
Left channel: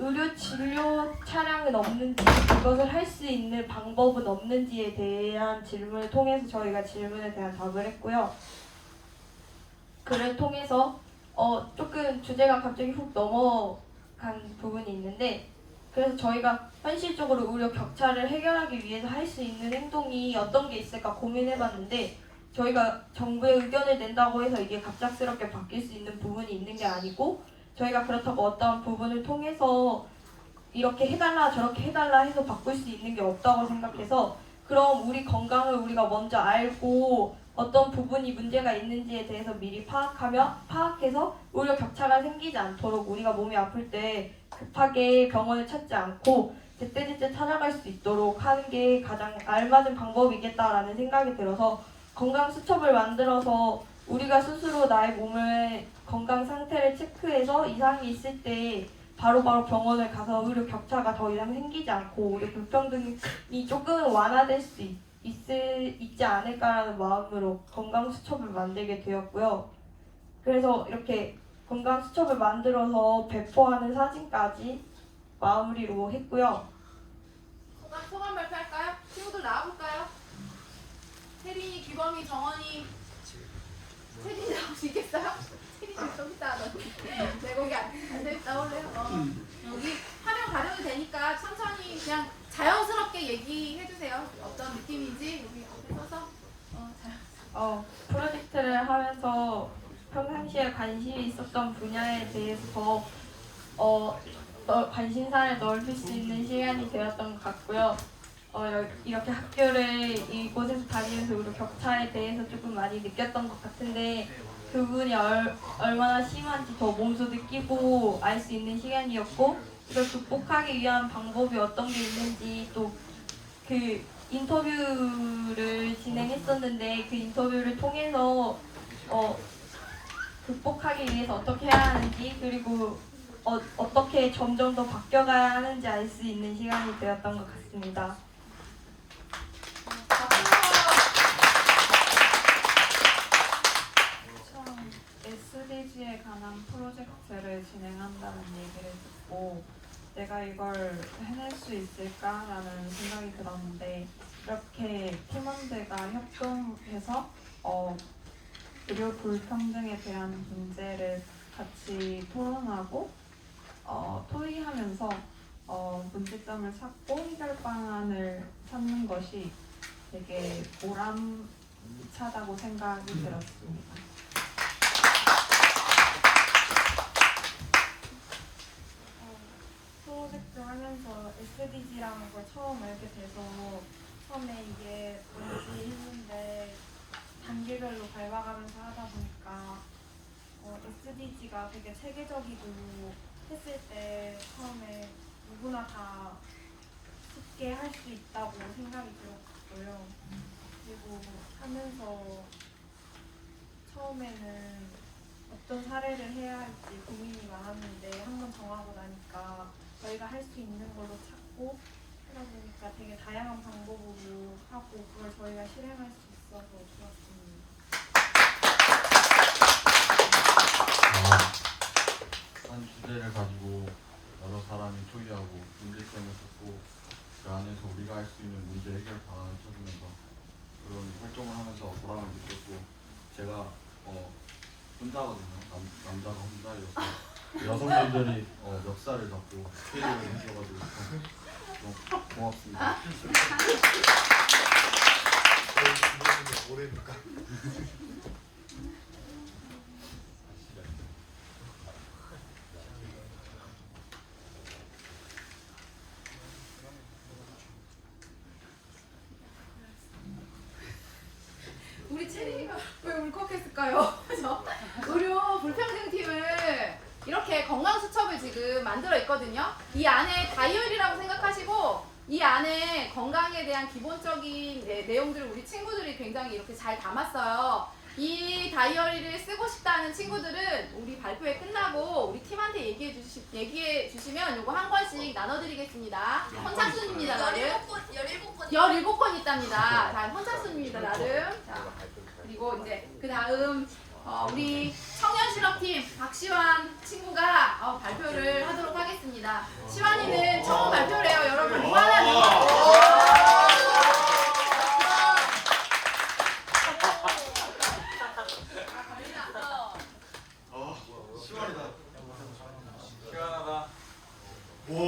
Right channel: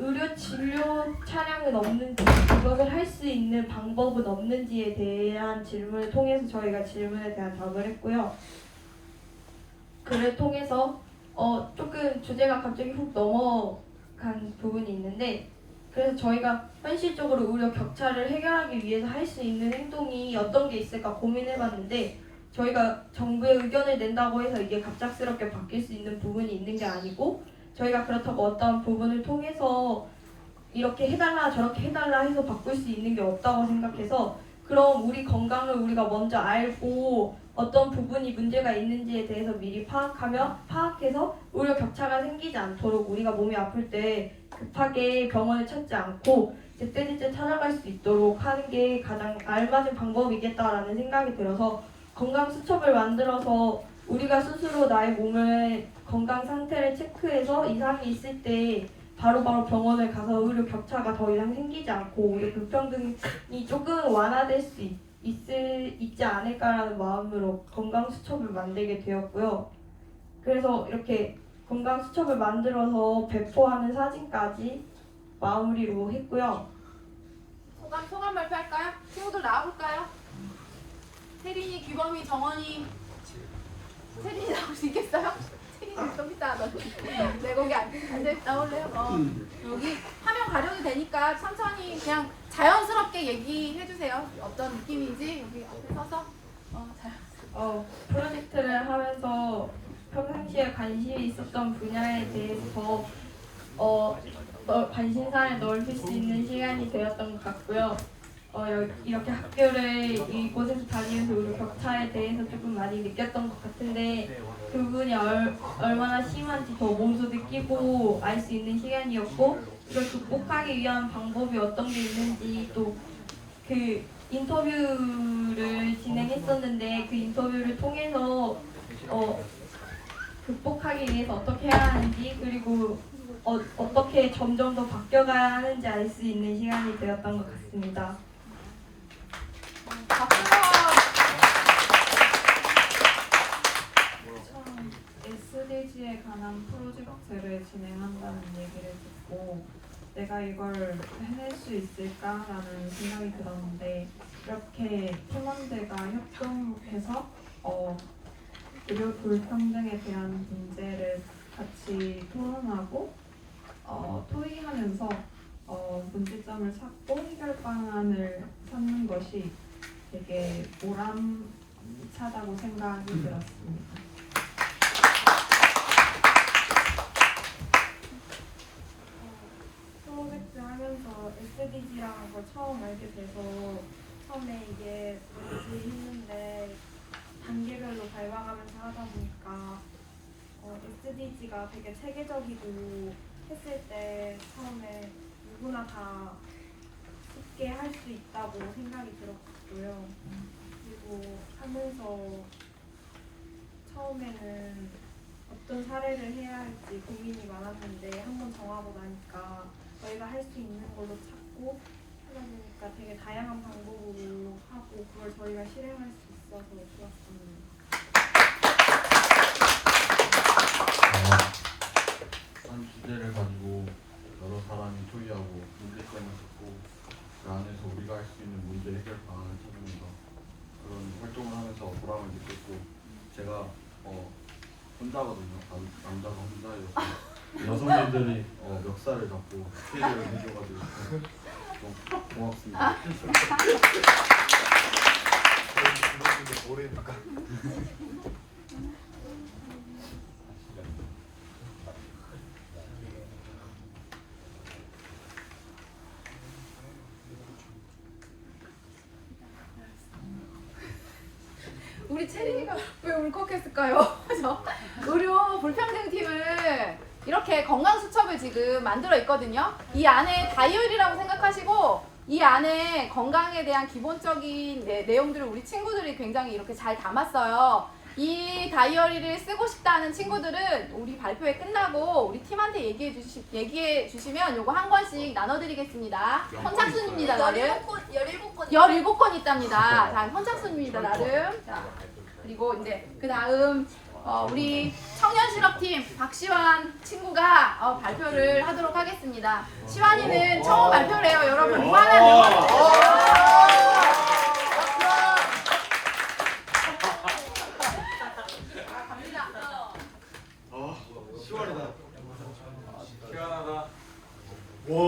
의료 진료 차량은 없는지 그것을 할 수 있는 방법은 없는지에 대한 질문을 통해서 저희가 질문에 대한 답을 했고요. 그를 통해서 조금 주제가 갑자기 훅 넘어간 부분이 있는데 그래서 저희가 현실적으로 의료 격차를 해결하기 위해서 할 수 있는 행동이 어떤 게 있을까 고민해봤는데 저희가 정부의 의견을 낸다고 해서 이게 갑작스럽게 바뀔 수 있는 부분이 있는 게 아니고 저희가 그렇다고 어떤 부분을 통해서 이렇게 해달라 저렇게 해달라 해서 바꿀 수 있는 게 없다고 생각해서 그럼 우리 건강을 우리가 먼저 알고 어떤 부분이 문제가 있는지에 대해서 미리 파악해서 의료 격차가 생기지 않도록 우리가 몸이 아플 때 급하게 병원을 찾지 않고 제때제때 찾아갈 수 있도록 하는 게 가장 알맞은 방법이겠다라는 생각이 들어서 건강 수첩을 만들어서 우리가 스스로 나의 몸의 건강 상태를 체크해서 이상이 있을 때 바로바로 병원을 가서 의료 격차가 더 이상 생기지 않고 우리 불평등이 조금 완화될 수 있지 않을까라는 마음으로 건강 수첩을 만들게 되었고요. 그래서 이렇게 건강 수첩을 만들어서 배포하는 사진까지 마무리로 했고요. 소감 발표할까요? 친구들 나와볼까요? 혜린이, 규범이, 정원이 채린이 나올 수 있겠어요? 채린이 좀 이따 내 거기 안 나올래요? 여기 화면 가려도 되니까 천천히 그냥 자연스럽게 얘기해주세요. 어떤 느낌인지 여기 앞에 서서 프로젝트를 하면서 평상시에 관심이 있었던 분야에 대해서 관심사를 넓힐 수 있는 시간이 되었던 것 같고요. 이렇게 학교를 이곳에서 다니면서 우리 격차에 대해서 조금 많이 느꼈던 것 같은데 그 부분이 얼마나 심한지 더 몸소 느끼고 알 수 있는 시간이었고 이걸 극복하기 위한 방법이 어떤 게 있는지 또 그 인터뷰를 진행했었는데 그 인터뷰를 통해서 극복하기 위해서 어떻게 해야 하는지 그리고 어떻게 점점 더 바뀌어가야 하는지 알 수 있는 시간이 되었던 것 같습니다. 처음 SDG에 관한 프로젝트를 진행한다는 얘기를 듣고 내가 이걸 해낼 수 있을까라는 생각이 들었는데 이렇게 팀원들과 협동해서 의료 불평등에 대한 문제를 같이 토론하고 토의하면서 문제점을 찾고 해결 방안을 찾는 것이 되게 보람 차다고 생각이 들었습니다. 프로젝트 하면서 SDG라는 걸 처음 알게 돼서 처음에 이게 뭔지 했는데 단계별로 밟아가면서 하다 보니까 SDG가 되게 체계적이고 했을 때 처음에 누구나 다 쉽게 할 수 있다고 생각이 들었고요. 그리고 하면서 처음에는 어떤 사례를 해야 할지 고민이 많았는데 한번 정하고 나니까 저희가 할 수 있는 걸로 찾고 하다 보니까 되게 다양한 방법으로 하고 그걸 저희가 실행할 수 있어서 좋았습니다. 한 주제를 가지고 여러 사람이 토의하고 문제점을 듣고 그 안에서 우리가 할 수 있는 문제 해결 방안을 찾으면서 그런 활동을 하면서 보람을 느꼈고 제가 혼자거든요. 남자가 혼자여서 여성분들이 멱살을 잡고 피해를 해줘가지고 너무 고맙습니다. 우리 체리가 왜 울컥했을까요? 그래서 의료 불평등팀을 이렇게 건강수첩을 지금 만들어 있거든요. 이 안에 다이어리라고 생각하시고 이 안에 건강에 대한 기본적인 내용들을 우리 친구들이 굉장히 이렇게 잘 담았어요. 이 다이어리를 쓰고 싶다는 친구들은 우리 발표회 끝나고 우리 팀한테 얘기해 주시면 요거 한 권씩 나눠드리겠습니다. 선착순입니다, 나름. 17권 있답니다. 자, 선착순입니다, 나름. 자, 그리고 이제 그 다음 우리 청년실업팀 박시환 친구가 발표를 하도록 하겠습니다. 시환이는 처음 발표를 해요, 여러분. 무한한 시원이다. 시원하다. 와.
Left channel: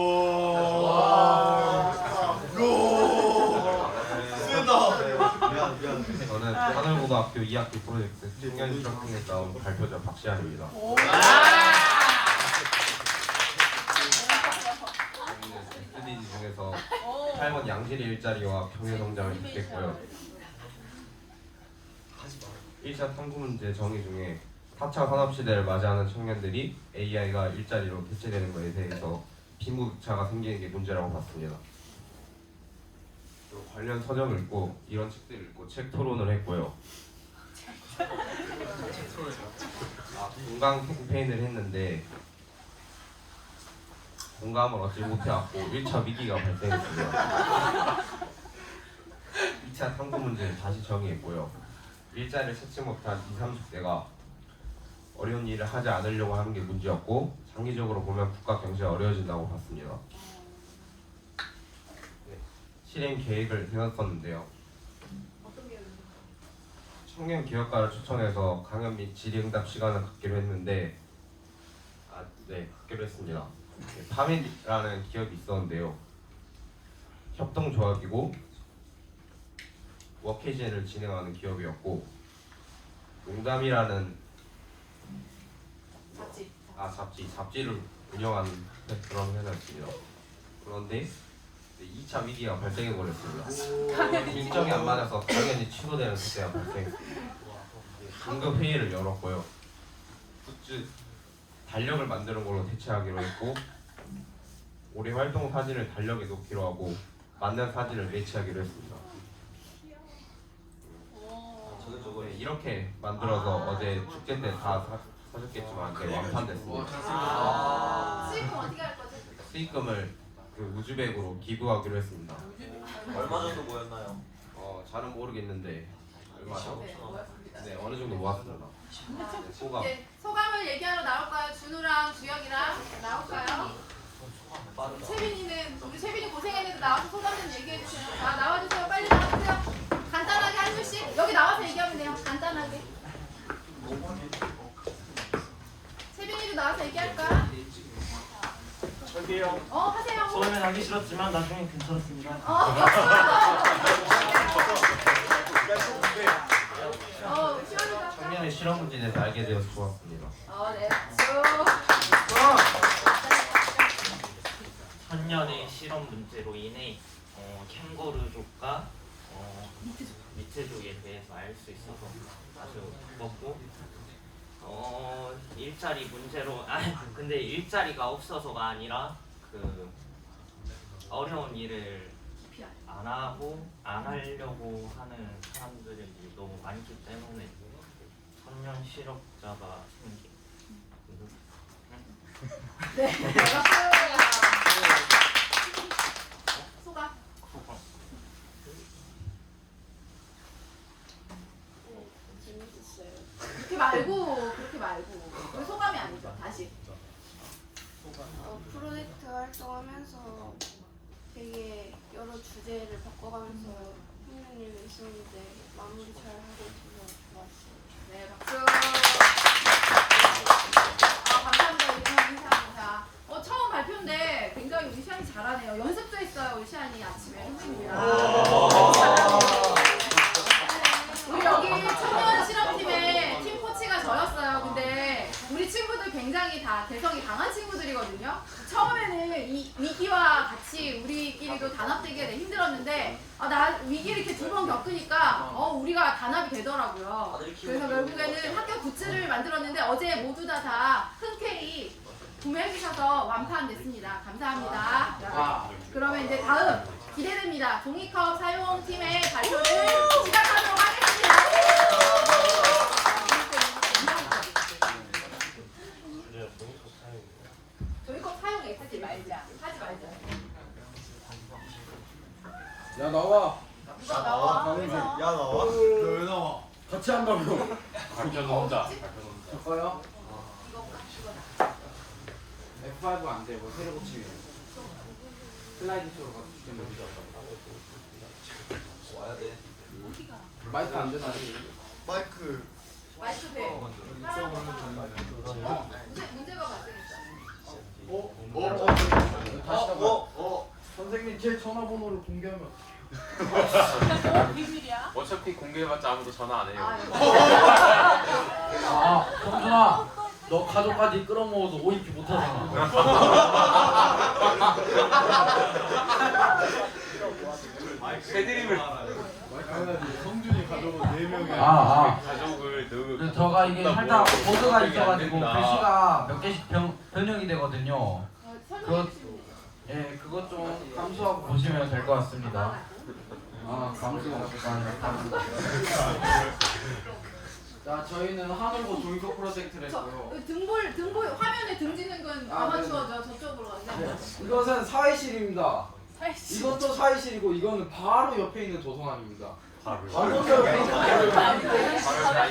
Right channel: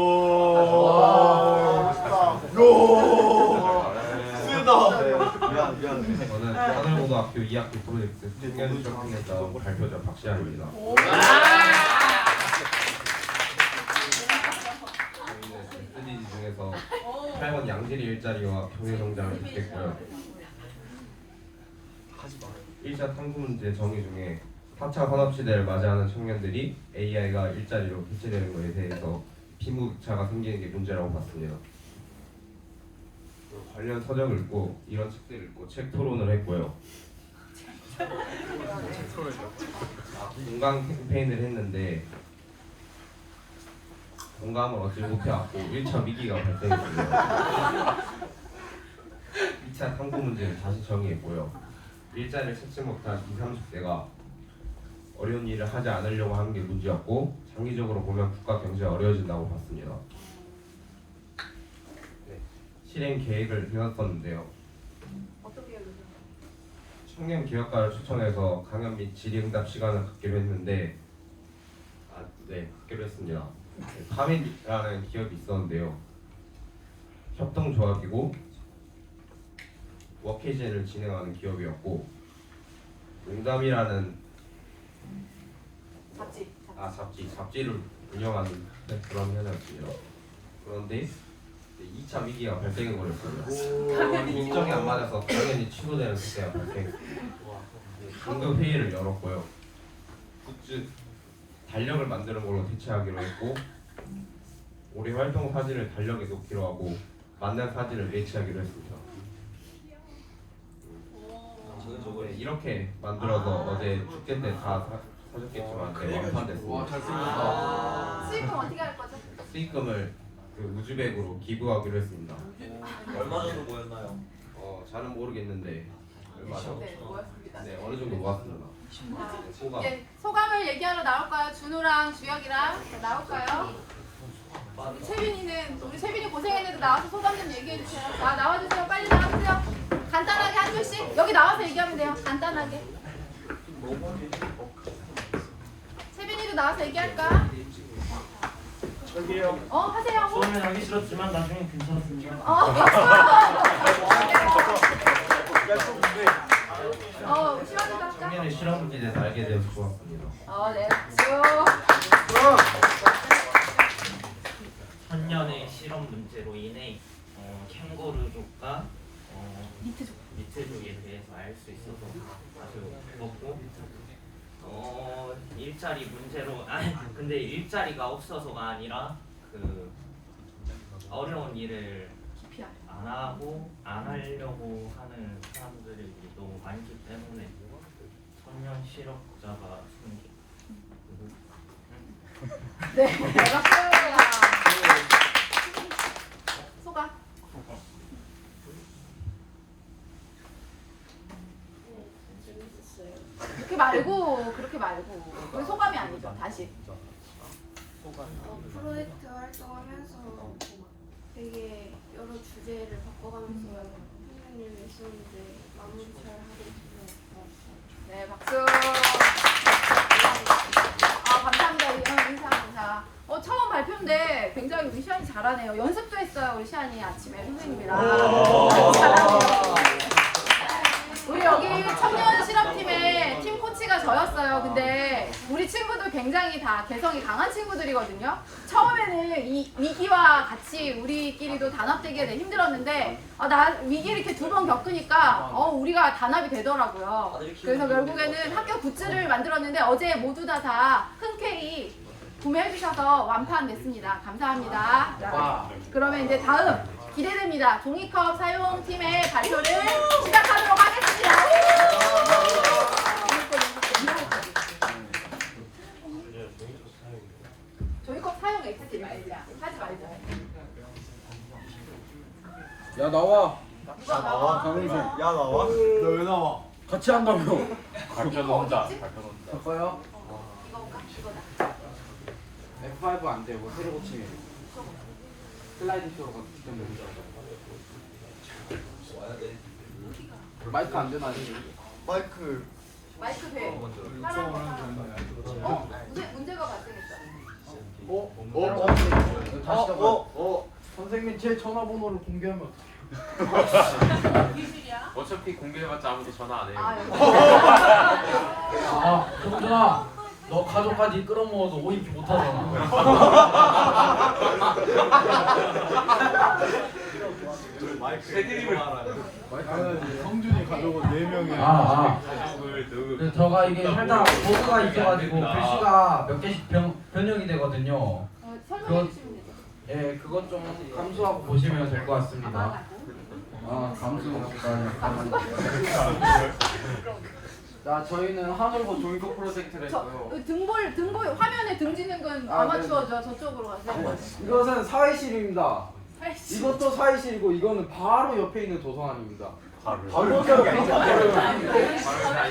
저는 하늘고등학교 2학기 프로젝트 청년실업팀에 나온 발표자 박시환입니다. 저희는 SDG 중에서 8번 양질의 일자리와 경제성장을 택했고요. 1차 탐구문제 정의 중에 4차 산업시대를 맞이하는 청년들이 AI가 일자리로 대체되는 것에 대해서 빈부차가 생기는 게 문제라고 봤습니다. 그리고 관련 서적을 읽고 이런 책들을 읽고 책 토론을 했고요. 건강 캠페인을 했는데 공감을 얻지 못해왔고 1차 위기가 발생했습니다. 2차 탐구 문제를 다시 정의했고요. 일자리를 찾지 못한 20, 30대가 어려운 일을 하지 않으려고 하는 게 문제였고 장기적으로 보면 국가 경제가 어려워진다고 봤습니다. 실행 계획을 세웠었는데요. 어떤 계획을 청년 기업가를 초청해서 강연 및 질의응답 시간을 갖기로 했는데 갖기로 했습니다. 파맥이라는 기업이 있었는데요. 협동조합이고 워케이션을 진행하는 기업이었고 농담이라는 잡지를 운영하는 그런 회사였습니다. 그런데 2차 위기가 발생해버렸습니다. 일정이 안 맞아서 강연이 취소되는 사태가 발생했습니다. 긴급 회의를 열었고요. 굿즈 달력을 만드는 걸로 대체하기로 했고 올해 활동 사진을 달력에 놓기로 하고 맞는 사진을 매치하기로 했습니다. 저는 이렇게 만들어서 어제 축제 때 다 사줬겠지만 완판됐습니다. 잘생겼다. 수익금 어떻게 할 거죠? 수익금을 그 우즈벡으로 기부하기로 했습니다. 얼마 정도 모였나요? 잘은 모르겠는데 얼마죠? 네, 모았습니다. 네, 어느 정도 모았습니다. 소감. 네, 소감을 얘기하러 나올까요? 준우랑 주혁이랑 나올까요? 채빈이는 우리 채빈이 고생했는데 나와서 소감 좀 얘기해 주세요. 나와주세요. 빨리 나와주세요. 간단하게 한 줄씩 여기 나와서 얘기하면 돼요. 간단하게. 채빈이도 나와서 얘기할까? 저기요. 하세요. 처음엔 하기 싫었지만 나중엔 괜찮았습니다. 박수! 시원이가 작년에 실험 문제에 대해서 알게 되어서 좋았습니다. 네. 작년에 실험 문제로 인해 캥거루족과 미트족에 대해서 알 수 있어서 아주 좋았고 일자리 문제로 근데 일자리가 없어서가 아니라 그 어려운 일을 안 하려고 하는 사람들이 너무 많기 때문에 청년 실업자가 생기. 네. 소감. 그렇게 말고 우리 소감이 아니죠. 다시. 프로젝트 활동하면서 되게 여러 주제를 바꿔가면서 선생님 계시는데 마무리 잘 하고 있어서 좋았어요. 네, 박수. 감사합니다. 우리 인사 감사. 처음 발표인데 굉장히 우리 시안이 잘하네요. 연습도 했어요. 우리 시안이 아침에 선생님이랑. 우리 여기 청년 실험팀의 팀 코치가 저였어요. 근데 우리 친구들 굉장히 다 개성이 강한 친구들이거든요. 처음에는 이 위기와 같이 우리끼리도 단합되기가 되게 힘들었는데 나 위기 이렇게 두 번 겪으니까 우리가 단합이 되더라고요. 그래서 결국에는 학교 굿즈를 만들었는데 어제 모두 다 흔쾌히 구매해 주셔서 완판됐습니다. 감사합니다. 그러면 이제 다음 기대됩니다. 종이컵 사용팀의 발표를 시작하도록 하겠습니다. 종이컵 사용 엑스팀 하지 말자. 야 나와. 강훈생. 야 나와. 너 왜 나와? 같이 한다며. 발표도 혼자. 할까요? F5 안 돼. 뭐 세례 고침이. 슬라이드 쇼로 때문에. 마이크 안 되나? 마이크 돼. 문제가 발생했어. 선생님 제 전화번호를 공개하면 어차피 공개해봤자 아무도 전화 안 해요. 형준아 너 가족까지 끌어모아서 오인기 못하잖아. 마이크 헤드링을 성준이 가족은 4명이 가족을 저가 이게 살짝 버그가 있어가지고 글씨가 몇 개씩 변형이 되거든요. 그것 좀 감수하고 보시면 될 것 같습니다. 자, 저희는 하늘고 종이컵 프로젝트를 했고요. 등볼 화면에 등지는 건 아마추어죠. 저쪽으로 가세요. 이것은 사회실입니다. 이것도 사회실이고 이거는 바로 옆에 있는 도서관입니다.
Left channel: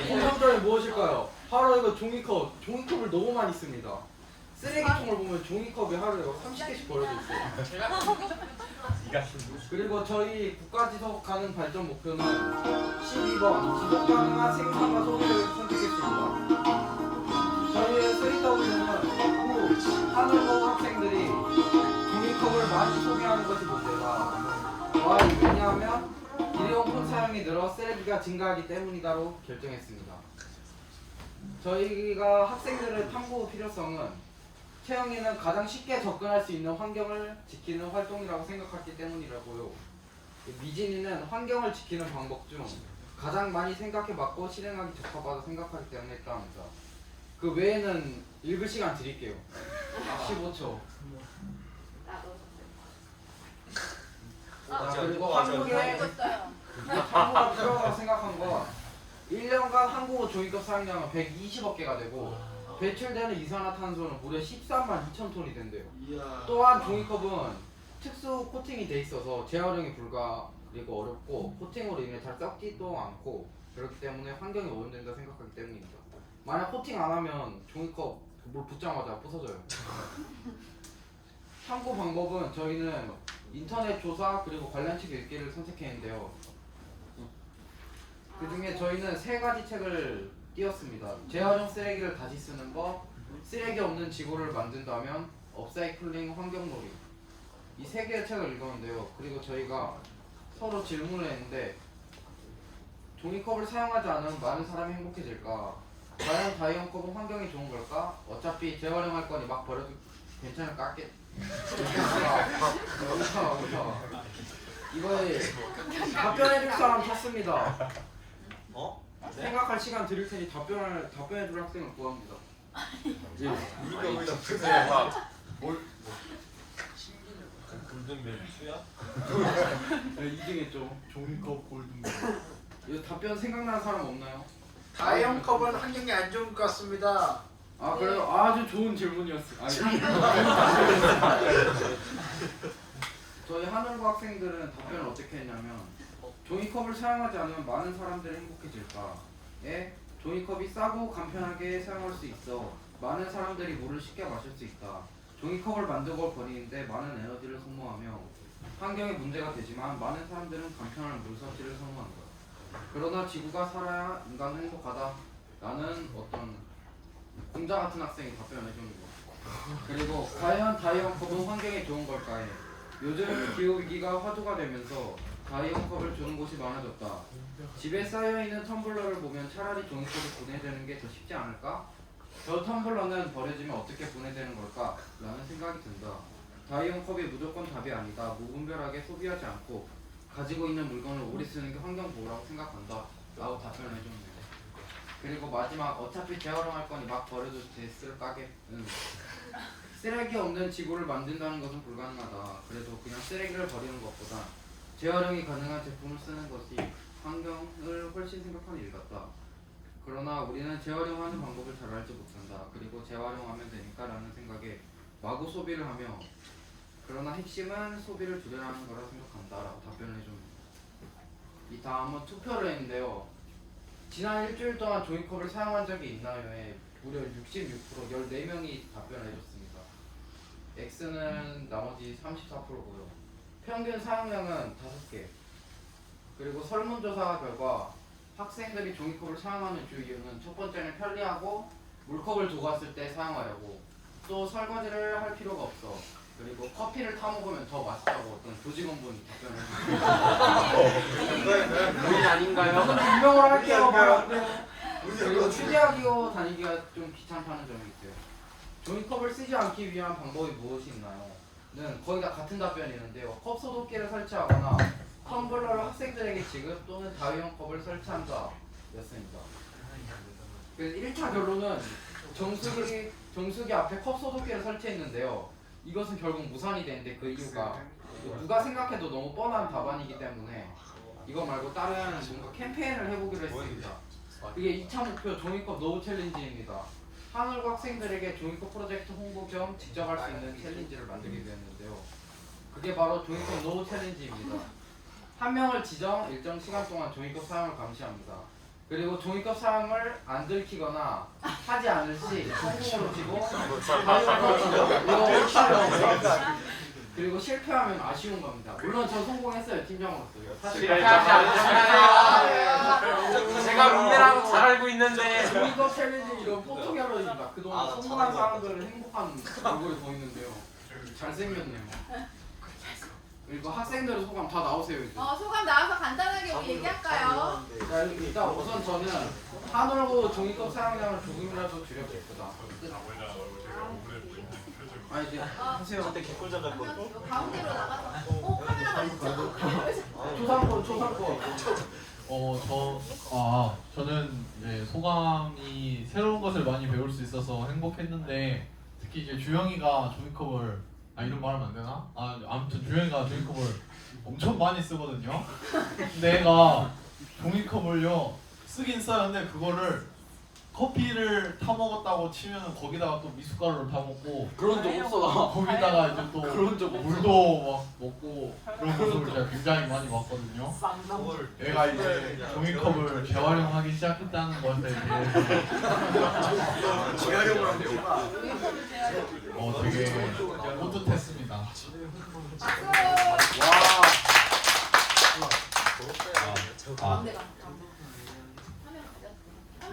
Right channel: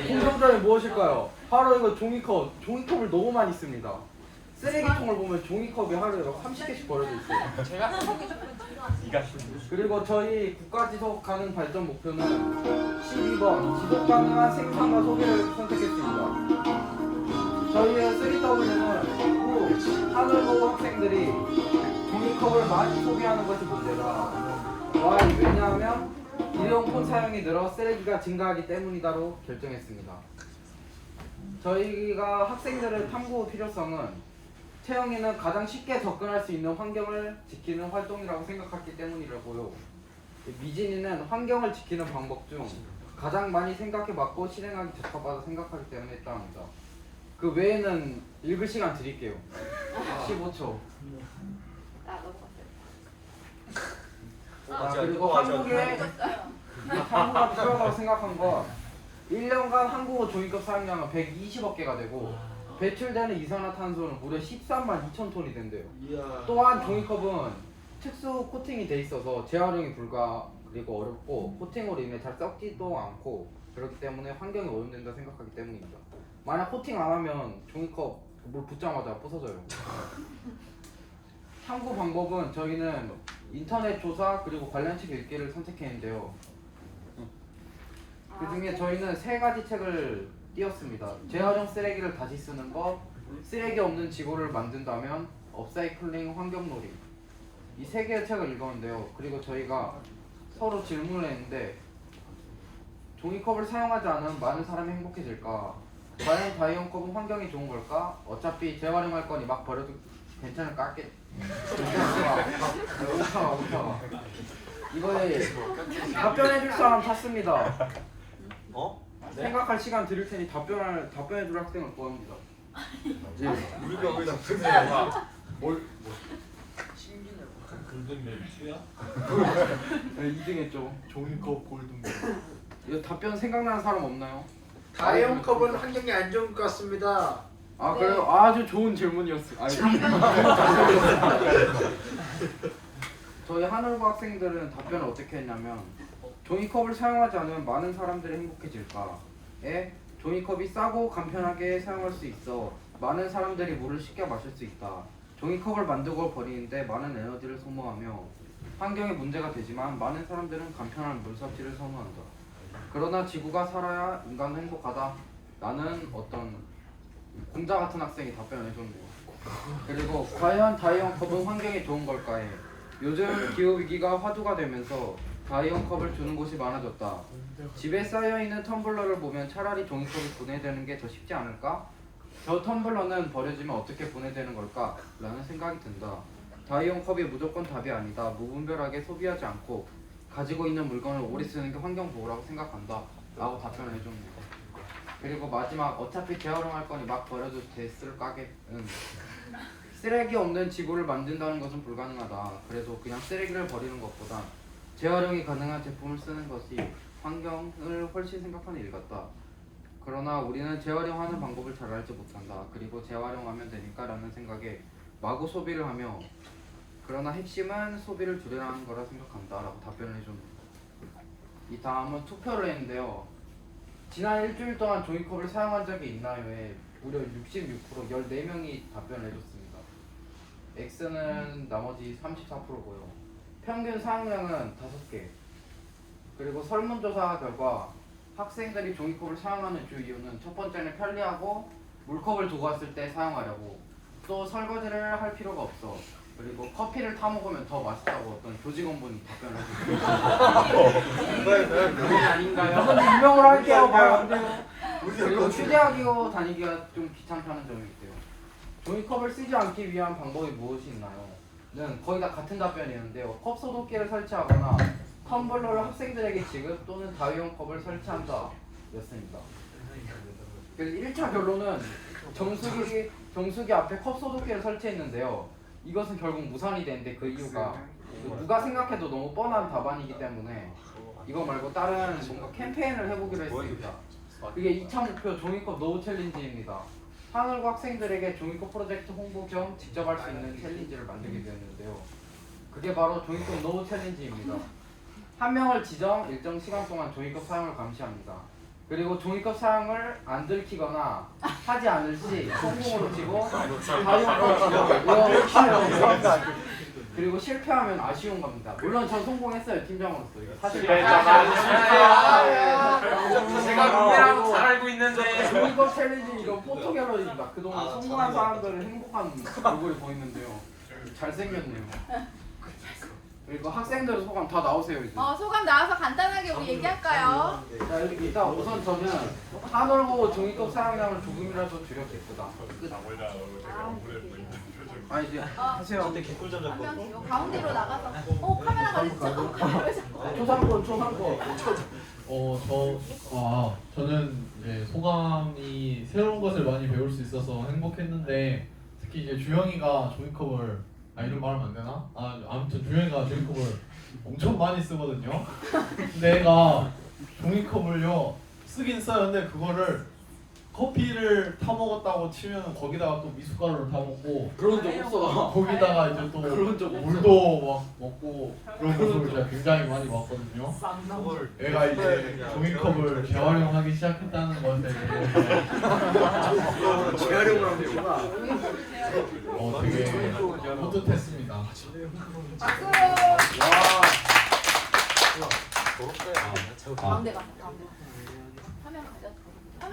공통점이 무엇일까요? 바로 이거 종이컵을 너무 많이 씁니다. 쓰레기통을 보면 종이컵이 하루에 막 30개씩 버려져 있어요. 그리고 저희 국가지속 가능 발전 목표는 12번 지속 가능한 생산과 소비를 선택했습니다. 저희의 3W는 후 하늘고 학생들이 종이컵을 많이 소비하는 것이 문제다. Y 왜냐하면 일회용 폰 사용이 늘어 쓰레기가 증가하기 때문이다로 결정했습니다. 저희가 학생들의 탐구 필요성은 채영이는 가장 쉽게 접근할 수 있는 환경을 지키는 활동이라고 생각했기 때문이라고요. 미진이는 환경을 지키는 방법 중 가장 많이 생각해봤고 실행하기 적합하다 생각하기 때문에 했답니다. 그 외에는 읽을 시간 드릴게요. 15초. 그리고 한국에 이게 탐구가 필요하다고 생각한 건 1년간 한국어 종이컵 사용량은 120억 개가 되고 배출되는 이산화탄소는 무려 13만 2천 톤이 된대요. 또한 종이컵은 특수 코팅이 돼 있어서 재활용이 불가 그리고 어렵고 코팅으로 인해 잘 썩지도 않고 그렇기 때문에 환경이 오염된다 생각하기 때문입니다. 만약 코팅 안 하면 종이컵 물 붓자마자 부서져요. 탐구 방법은 저희는 인터넷 조사 그리고 관련 책 읽기를 선택했는데요. 그 중에 저희는 3가지 책을 띄었습니다. 재활용 쓰레기를 다시 쓰는 것, 쓰레기 없는 지구를 만든다면, 업사이클링 환경놀이. 이 3개의 책을 읽었는데요. 그리고 저희가 서로 질문을 했는데 종이컵을 사용하지 않으면 많은 사람이 행복해질까? 과연 다이언컵은 환경에 좋은 걸까? 어차피 재활용할 거니 막 버려도 괜찮을까? 괜찮을까? 오타가 이거에 답변해줄 사람 찾습니다. 생각할 시간 드릴 테니 답변해줄 학생을 구합니다. 우리가 그냥 뭘 골든벨 수야? 네, 2등했죠. 종이컵 골든벨. 이거 답변 생각나는 사람 없나요? 다이언컵은 환경에 안 좋은 것 같습니다. 아 그래요? 아주 좋은 질문이었어요. 저희 하늘고 학생들은 답변을 어떻게 했냐면 종이컵을 사용하지 않으면 많은 사람들이 행복해질까? 에 종이컵이 싸고 간편하게 사용할 수 있어 많은 사람들이 물을 쉽게 마실 수 있다. 종이컵을 만들고 버리는데 많은 에너지를 소모하며 환경에 문제가 되지만 많은 사람들은 간편한 물 섭취를 선호한다. 그러나 지구가 살아야 인간은 행복하다. 라는 어떤 공자 같은 학생이 답변을 해줬네요. 그리고 과연 다이언컵은 환경에 좋은 걸까에 요즘 기후위기가 화두가 되면서 다이언컵을 주는 곳이 많아졌다. 집에 쌓여있는 텀블러를 보면 차라리 종이컵이 분해되는 게 더 쉽지 않을까? 저 텀블러는 버려지면 어떻게 분해되는 걸까? 라는 생각이 든다. 다이언컵이 무조건 답이 아니다. 무분별하게 소비하지 않고 가지고 있는 물건을 오래 쓰는 게 환경보호라고 생각한다. 라고 답변을 해줍니다. 그리고 마지막 어차피 재활용할 거니 막 버려도 됐을 까게 쓰레기 없는 지구를 만든다는 것은 불가능하다. 그래도 그냥 쓰레기를 버리는 것보다 재활용이 가능한 제품을 쓰는 것이 환경을 훨씬 생각하는 일 같다. 그러나 우리는 재활용하는 방법을 잘 알지 못한다. 그리고 재활용하면 되니까 라는 생각에 마구 소비를 하며 그러나 핵심은 소비를 줄여라는 거라 생각한다. 라고 답변을 해줍니다. 이 다음은 투표를 했는데요. 지난 일주일 동안 종이컵을 사용한 적이 있나요?에 무려 66% 14명이 답변을 해줬습니다. X는 나머지 34%고요. 평균 사용량은 5개. 그리고 설문조사 결과 학생들이 종이컵을 사용하는 주 이유는 첫 번째는 편리하고 물컵을 두고 왔을 때 사용하려고 또 설거지를 할 필요가 없어 그리고 커피를 타 먹으면 더 맛있다고 어떤 조직원분이 답변을 해주셨어요. 아닌가요? 근데 유명으로 할게요. 말 안 돼요. 그리고 취재하기고 다니기가 좀 귀찮다는 점이 있어요. 종이컵을 쓰지 않기 위한 방법이 무엇이 있나요? 는 거의 다 같은 답변이었는데요. 컵 소독기를 설치하거나 텀블러를 학생들에게 지급 또는 다이언컵을 설치한다 였습니다. 그래서 1차 결론은 정수기 앞에 컵 소독기를 설치했는데요. 이것은 결국 무산이 되는데 그 이유가 누가 생각해도 너무 뻔한 답안이기 때문에 이거 말고 다른 뭔가 캠페인을 해보기로 했습니다. 그게 2차 목표 종이컵 노후 챌린지입니다. 하늘고 학생들에게 종이컵 프로젝트 홍보 겸 직접 할 수 있는 챌린지를 만들게 되었는데요. 그게 바로 종이컵 노후 챌린지입니다. 한 명을 지정 일정 시간 동안 종이컵 사용을 감시합니다. 그리고 종이컵 사용을 안 들키거나 하지 않을 시 성공으로 치고 다이언컵 치고 그리고 실패하면 아쉬운 겁니다. 물론 전 성공했어요. 팀장으로서. 이거 사실 제가 문제라고 잘 알고 있는데 종이컵 챌린지 이건 포토갤러리입니다. 그동안 성공한 사람들은 행복한 얼굴이 보이는데요. 잘생겼네요. 그리고 학생들 소감 다 나오세요 이제. 소감 나와서 간단하게 우리 얘기할까요? 자 일단 우선 저는 하늘고 종이컵 사용량을 조금이라도 줄였겠다. 아 이제 하세요. 가운데로 나가서 카메라가 초상권. 저는 네, 소감이 새로운 것을 많이 배울 수 있어서 행복했는데 특히 이제 주영이가 종이컵을 이런 말 하면 안 되나? 아무튼 주영이가 종이컵을 엄청 많이 쓰거든요. 근데 애가 종이컵을요 쓰긴 써요. 근데 그거를 커피를 타 먹었다고 치면 거기다가 또 미숫가루를 타 먹고 그런 적 없어. 거기다가 이제 또 물도 막 먹고 그런 모습을 제가 굉장히 많이 봤거든요. 애가 이제 종이컵을 재활용하기 시작했다는 것에 대해서 재활용을 하면 되구나. 되게 뿌듯했습니다.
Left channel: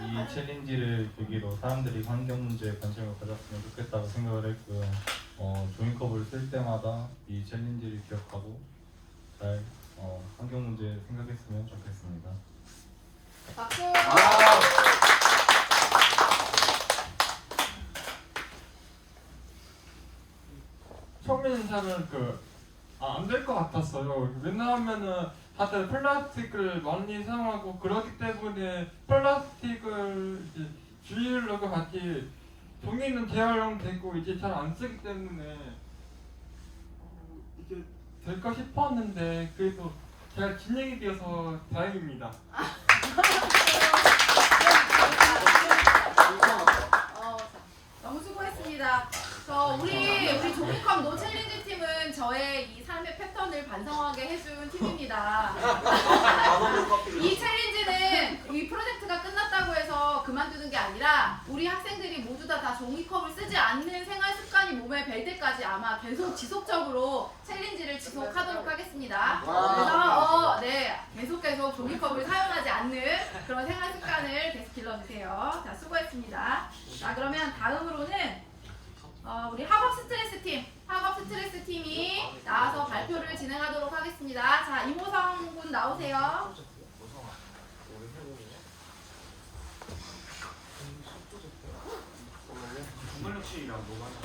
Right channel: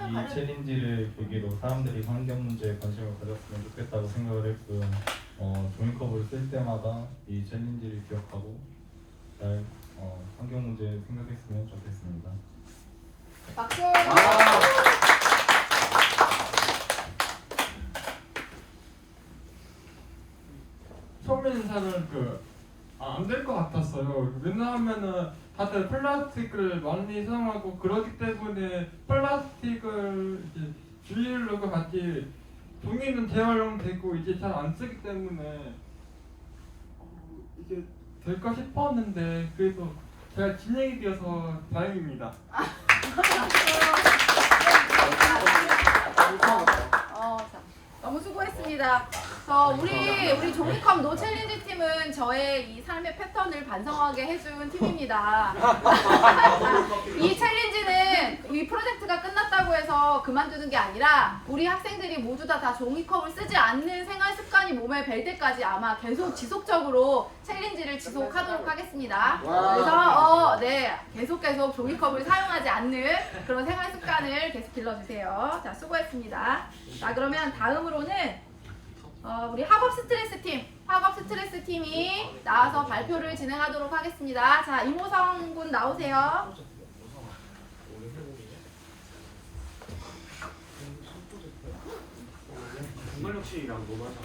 이 챌린지를 계기로 사람들이 환경 문제에 관심을 가졌으면 좋겠다고 생각을 했고요. 종이컵을 쓸 때마다 이 챌린지를 기억하고 잘 환경 문제 생각했으면 좋겠습니다. 박수. 처음에는 저는 안 될 것 같았어요. 왜냐하면은 다들 플라스틱을 많이 사용하고 그러기 때문에 플라스틱을 이제 주의하려고 하지 종이는 재활용되고 이제 잘 안 쓰기 때문에 이게 될까 싶었는데 그래도 제가 진행이 되어서 다행입니다. 너무 수고했습니다. 우리 종이컵 노 챌린지 팀은 저의 이 삶의 패턴을 반성하게 해준 팀입니다. 이 챌린지는 이 프로젝트가 끝났다고 해서 그만두는 게 아니라 우리 학생들이 모두 다 종이컵을 쓰지 않는 생활 습관이 몸에 벨 때까지 아마 계속 지속적으로 챌린지를 지속하도록 하겠습니다. 그래서 계속 종이컵을 사용하지 않는 그런 생활 습관을 계속 길러주세요. 자, 수고했습니다. 자, 그러면 다음으로는 우리 학업 스트레스 팀이 나와서 발표를 진행하도록 하겠습니다. 자, 이모성 군 나오세요. 중간역시랑 노마다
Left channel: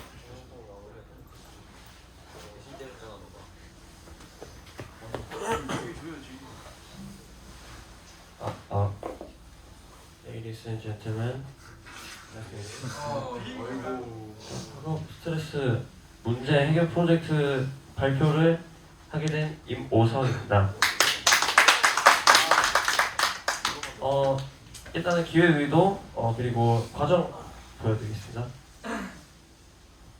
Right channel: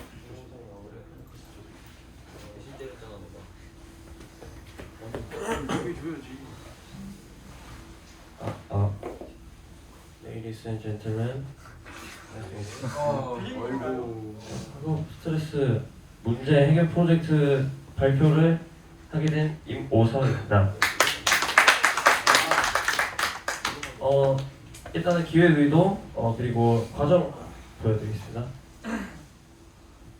Ladies and gentlemen, 아이고. 학업 스트레스 문제 해결 프로젝트 발표를 하게 된 임오성입니다. 일단은 기획 의도 그리고 과정 보여드리겠습니다.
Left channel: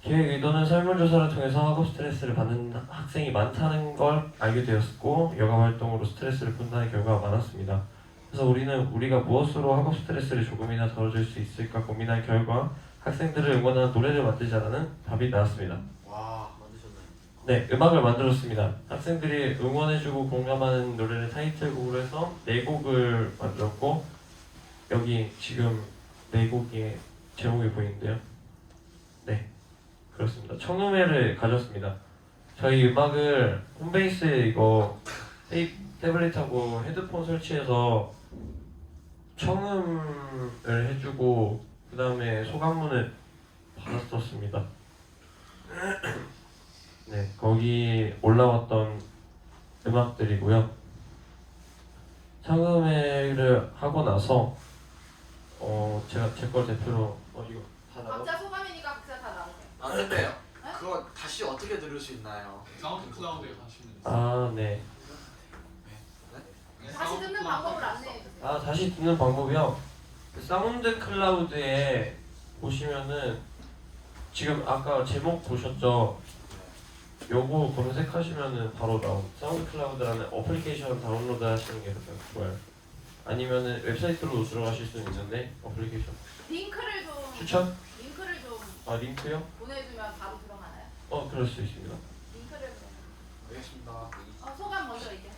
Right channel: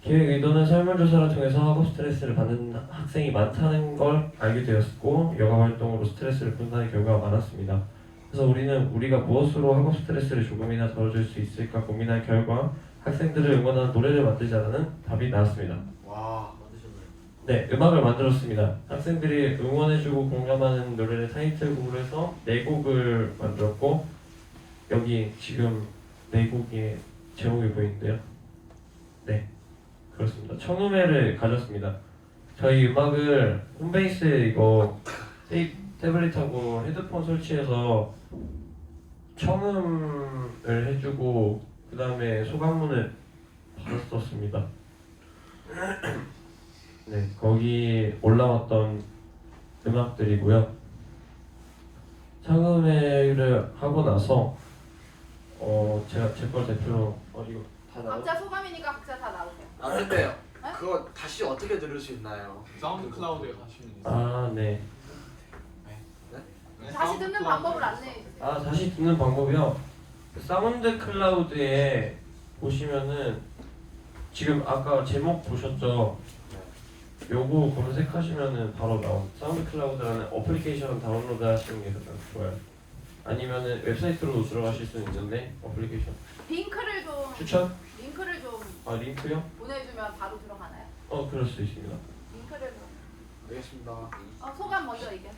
기획 의도는 설문조사를 통해서 학업 스트레스를 받는 학생이 많다는 걸 알게 되었고 여가 활동으로 스트레스를 푼다는 결과가 많았습니다. 그래서 우리는 우리가 무엇으로 학업 스트레스를 조금이나 덜어줄 수 있을까 고민한 결과 학생들을 응원하는 노래를 만들자라는 답이 나왔습니다. 와, 만드셨네. 네, 음악을 만들었습니다. 학생들이 응원해주고 공감하는 노래를 타이틀곡으로 해서 4곡을 만들었고 여기 지금 4곡의 제목이 보이는데요. 네, 그렇습니다. 청음회를 가졌습니다. 저희 음악을 홈베이스 이거 태블릿하고 헤드폰 설치해서 청음을 해주고 그 다음에 소감문을 받았었습니다. 네, 거기 올라왔던 음악들이고요. 청음회를 하고 나서 제가 제 거 대표로 이거 다 나와? 각자 소감이니까 각자 다 나오세요. 아 근데요. 그거 다시 어떻게 들을 수 있나요? 사운드 클라우드에 가시면 아, 네. 다시 듣는 방법을 안내해주세요. 아, 다시 듣는 방법이요. 사운드 클라우드에 보시면은 지금 아까 제목 보셨죠? 요거 검색하시면은 바로 나온 사운드 클라우드라는 어플리케이션 다운로드 하시는 게 가장 좋아요. 아니면은 웹사이트로 들어가실 수는 있는데 어플리케이션 링크를 좀 링크를 좀 링크요? 보내주면 바로 들어가나요? 그럴 수 있습니다. 링크를 좀. 알겠습니다. 소감 먼저 이게.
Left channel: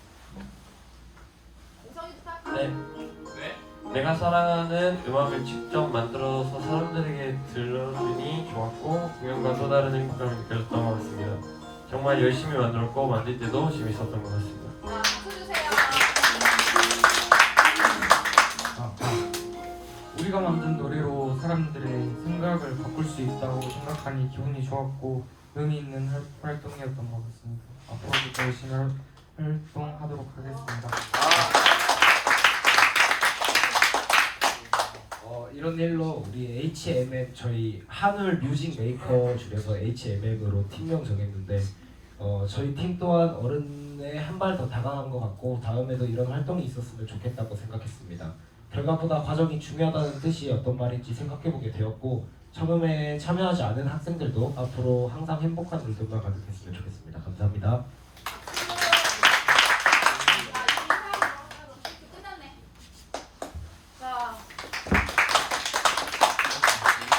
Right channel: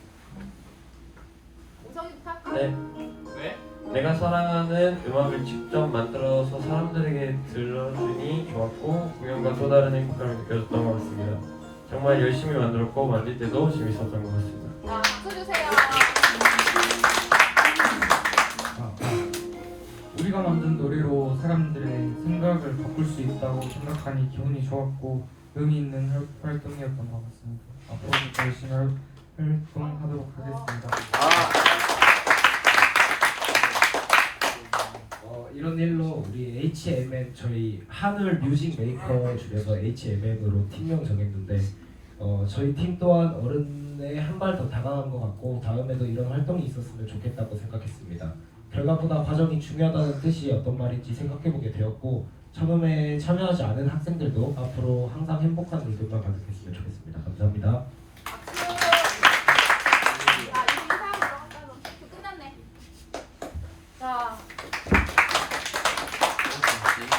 우성이부터 할까? 네. 내가 사랑하는 음악을 직접 만들어서 사람들에게 들려주니 좋았고 공연과 또 다른 행복감이 느껴졌던 것 같습니다. 정말 열심히 만들었고 만들 때도 재밌었던 것 같습니다. 자, 박수 주세요. 우리가 만든 노래로 사람들의 생각을 바꿀 수 있다고 생각하니 기분이 좋았고 의미 있는 활동이었던 것 같습니다. 앞으로도 열심히 활동하도록 하겠습니다. 이런 일로 우리 HMM 저희 한울 뮤직 메이커 중에서 HMM으로 팀명 정했는데 저희 팀 또한 어른에 한 발 더 다가간 것 같고 다음에도 이런 활동이 있었으면 좋겠다고 생각했습니다. 결과보다 과정이 중요하다는 뜻이 어떤 말인지 생각해보게 되었고 청음회에 참여하지 않은 학생들도 앞으로 항상 행복한 일들만 가득했으면 좋겠습니다. 감사합니다.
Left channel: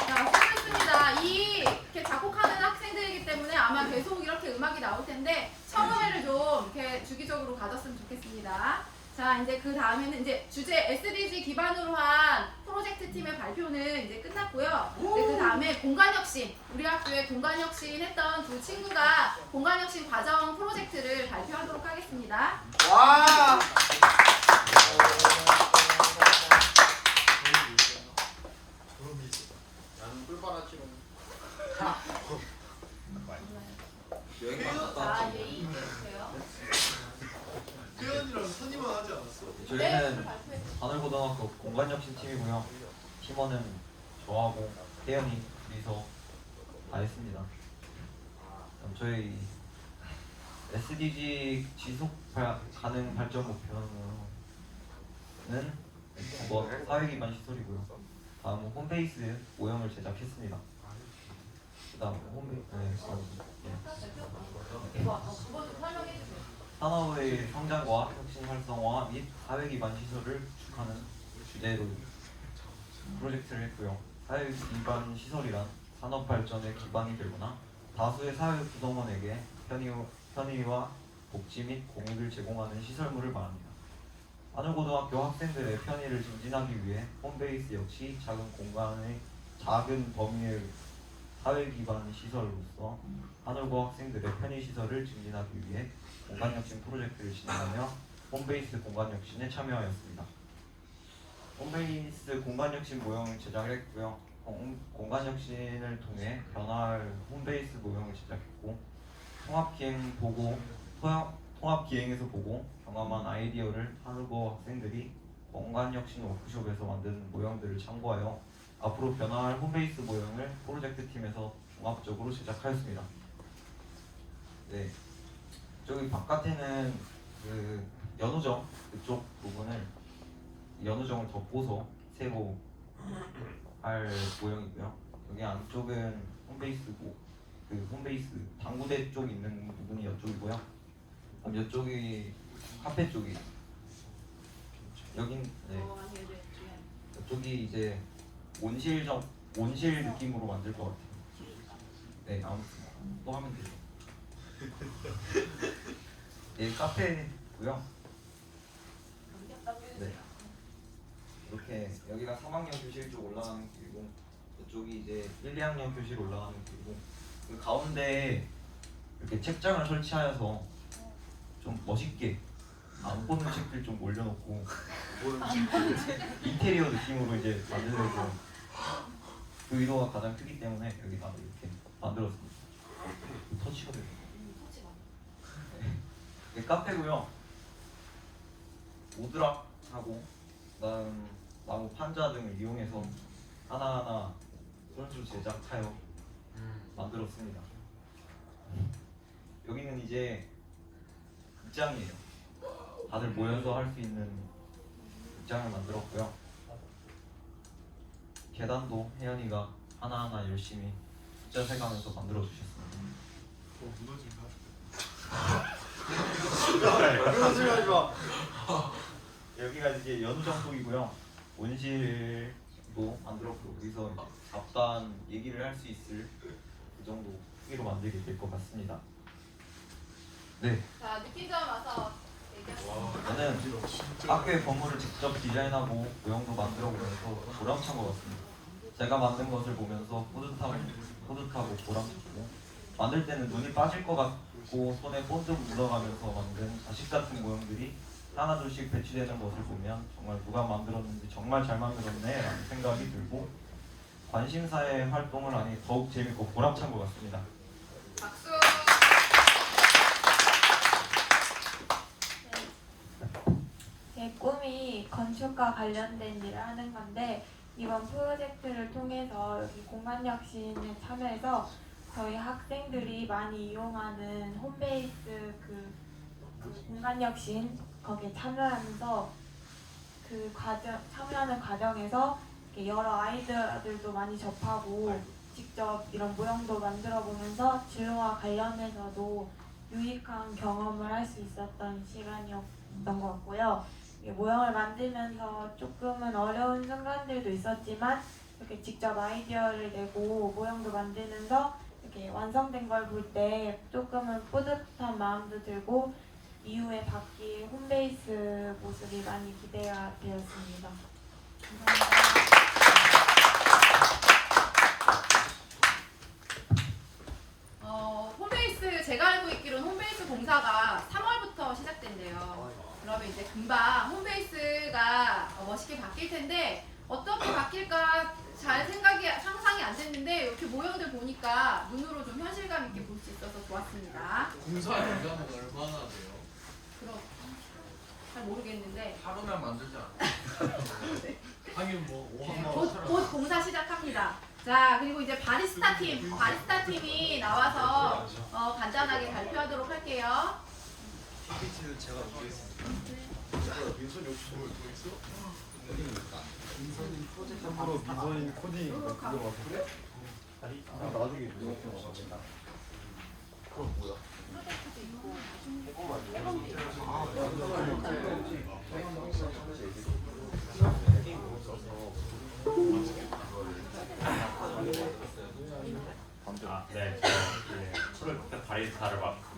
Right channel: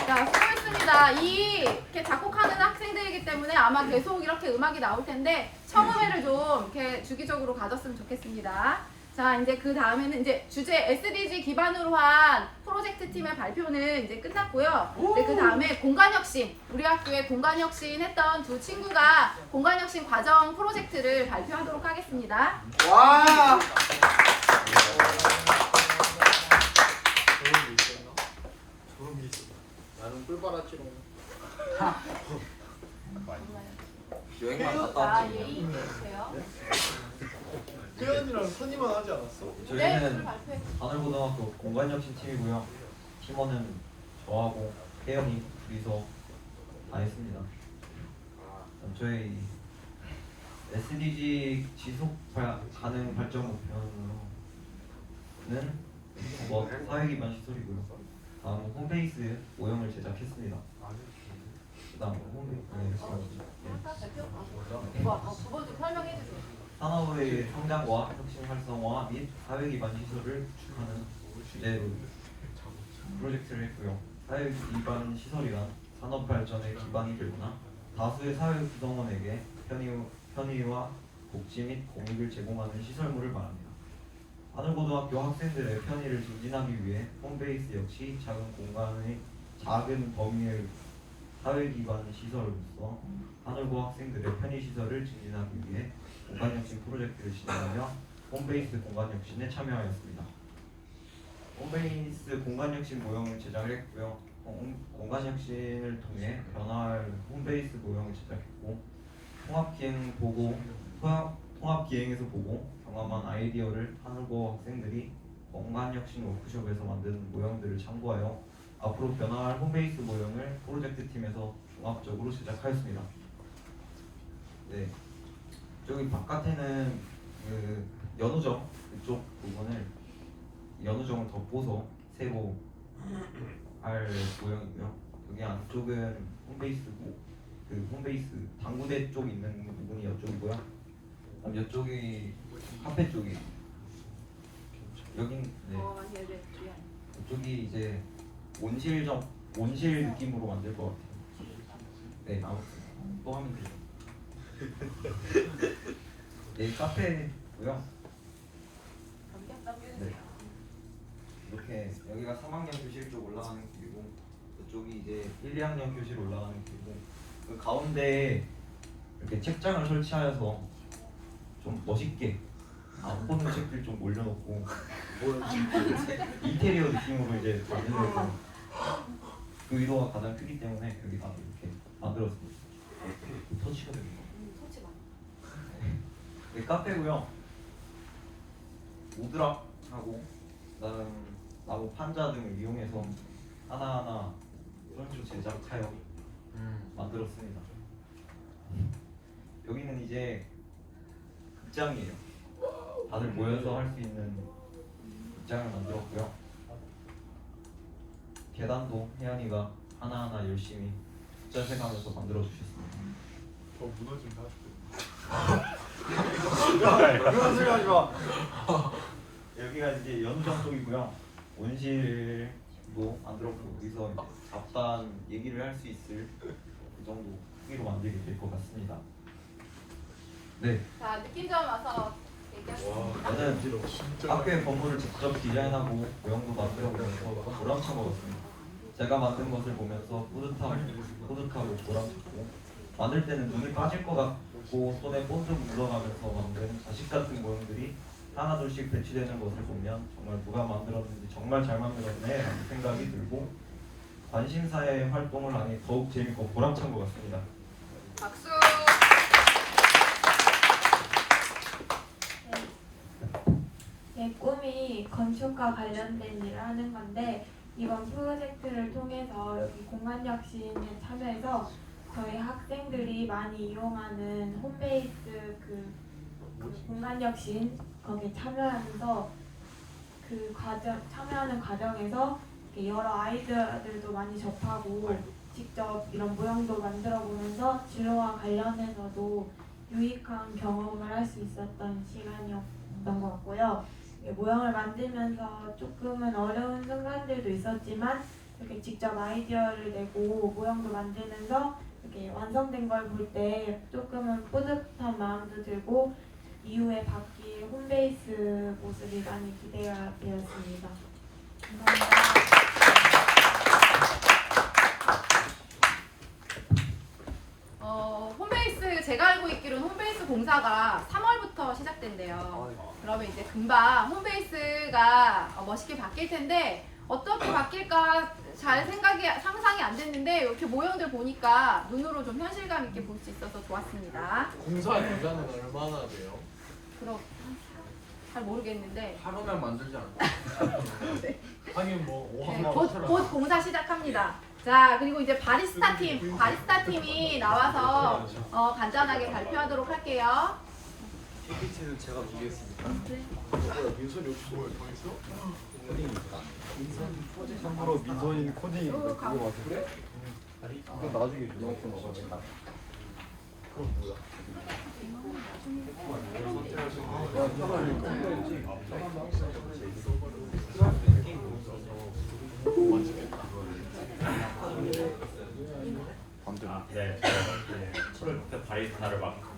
자, 수고했습니다. 이렇게 작곡하는 학생들이기 때문에 아마 계속 이렇게 음악이 나올 텐데 청음회를 좀 이렇게 주기적으로 가졌으면 좋겠습니다. 자, 이제 그 다음에는 이제 주제 SDG 기반으로 한 프로젝트 팀의 발표는 이제 끝났고요. 그 다음에 공간혁신, 우리 학교에 공간혁신 했던 두 친구가 공간혁신 과정 프로젝트를 발표하도록 하겠습니다. 와! 알았지롱. 여행만 갔다 왔지. 태연이랑 선이만 하지 않았어? 저희는 하늘고등학교 공간혁신 팀이고요. 팀원은 저하고 태연이 둘이서 다 했습니다. 저희 SDG 지속 가능 발전 목표는 사회기반 시설이고요. 다음 홈페이스 모형을 제작했습니다. 그다음 산업의 성장과 혁신 활성화 및 사회기반 시설을 구축하는 주제로 프로젝트를 했고요. 사회기반 시설이란 산업 발전의 기반이 되거나 다수의 사회 구성원에게 편의와 복지 및 공익을 제공하는 시설물을 말합니다. 하늘고등학교 학생들의 편의를 증진하기 위해 홈베이스 역시 작은 범위의 사회기반 시설로서 하늘고 학생들의 편의시설을 증진하기 위해 공간혁신 프로젝트를 진행하며 홈베이스 공간혁신에 참여하였습니다. 홈베이스 공간혁신 모형을 제작했고요. 공간혁신을 통해 변화할 홈베이스 모형을 제작했고 통합기행에서 보고 경험한 아이디어를 하늘고 학생들이 공간혁신 워크숍에서 만든 모형들을 참고하여 앞으로 변화할 홈베이스 모형을 프로젝트 팀에서 종합적으로 제작하였습니다. 네, 저기 바깥에는 그 연우정 그쪽 부분을 연우정을 덮어서 새로 할 모형이고요. 여기 안쪽은 홈베이스고 그 홈베이스 당구대 쪽 있는 부분이 이쪽이고요. 그럼 이쪽이 카페 쪽이 여긴 네. 이쪽이 이제 온실 느낌으로 만들 것 같아요. 네, 아무튼 또 하면 돼요. 네, 카페고요. 네. 이렇게 여기가 3학년 교실 쪽 올라가는 길이고 이쪽이 이제 1, 2학년 교실 올라가는 길이고 그 가운데 이렇게 책장을 설치하여서 좀 멋있게 안 보는 책들 좀 올려놓고 인테리어 느낌으로 이제 만들려고 그 의도가 가장 크기 때문에 여기다 이렇게 만들었습니다. 터치거든요. 네, 카페고요. 우드락하고 그다음 나무 판자 등을 이용해서 하나하나 손수 제작하여 만들었습니다. 여기는 이제 극장이에요. 다들 모여서 할 수 있는 극장을 만들었고요. 계단도 혜연이가 하나하나 열심히 숫자 세가면서 만들어 주셨습니다. 더 무너지면 하지 마. 여기가 이제 연장 쪽이고요. 온실도 만들었고 여기서 잡다한 얘기를 할 수 있을 그 정도 크기로 만들게 될 것 같습니다. 네. 자, 느낀 점 와서 얘기하겠습니다. 저는 학교의 건물을 직접 디자인하고 모형도 만들어보면서 보람찬 것 같습니다. 제가 만든 것을 보면서 뿌듯하고 보람찼고 만들 때는 눈이 빠질 것 같고 손에 본적 묻어가면서 만든 자식 같은 모형들이 하나둘씩 배치되는 것을 보면 정말 누가 만들었는지 정말 잘 만들었네 라는 생각이 들고 관심사의 활동을 하니 더욱 재밌고 보람찬 것 같습니다. 박수. 제 꿈이 건축과 관련된 일을 하는 건데 이번 프로젝트를 통해서 여기 공간혁신에 참여해서 저희 학생들이 많이 이용하는 홈베이스 그 공간혁신 거기에 참여하면서 그 참여하는 과정에서 여러 아이디어들도 많이 접하고 직접 이런 모형도 만들어 보면서 진로와 관련해서도 유익한 경험을 할 수 있었던 시간이었던 것 같고요. 모형을 만들면서 조금은 어려운 순간들도 있었지만 이렇게 직접 아이디어를 내고 모형도 만들면서 이렇게 완성된 걸 볼 때 조금은 뿌듯한 마음도 들고 이후에 바뀔 홈베이스 모습이 많이 기대가 되었습니다. 감사합니다. 홈베이스 제가 알고 있기로는 홈베이스 공사가 3월부터 시작된대요. 그러면 이제 금방 홈베이스가 멋있게 바뀔 텐데 어떻게 바뀔까 잘 상상이 안 됐는데 이렇게 모형들 보니까 눈으로 좀 현실감 있게 볼 수 있어서 좋았습니다. 공사 기간은 얼마나 돼요? 그럼 잘 모르겠는데 하루면 만들지 않나? 하긴 뭐 곧 공사 시작합니다. 자, 그리고 이제 바리스타 팀이 나와서 간단하게 발표하도록 할게요. PPT는 제가 보겠습니다. 뭐야 민선이 없어? 더 있어? 참고로 민선이 코딩 그거 봐서 그래? 그럼 나중에 누가 거 나갑시다. 그럼 뭐야? 네, 프로젝트 바리스타를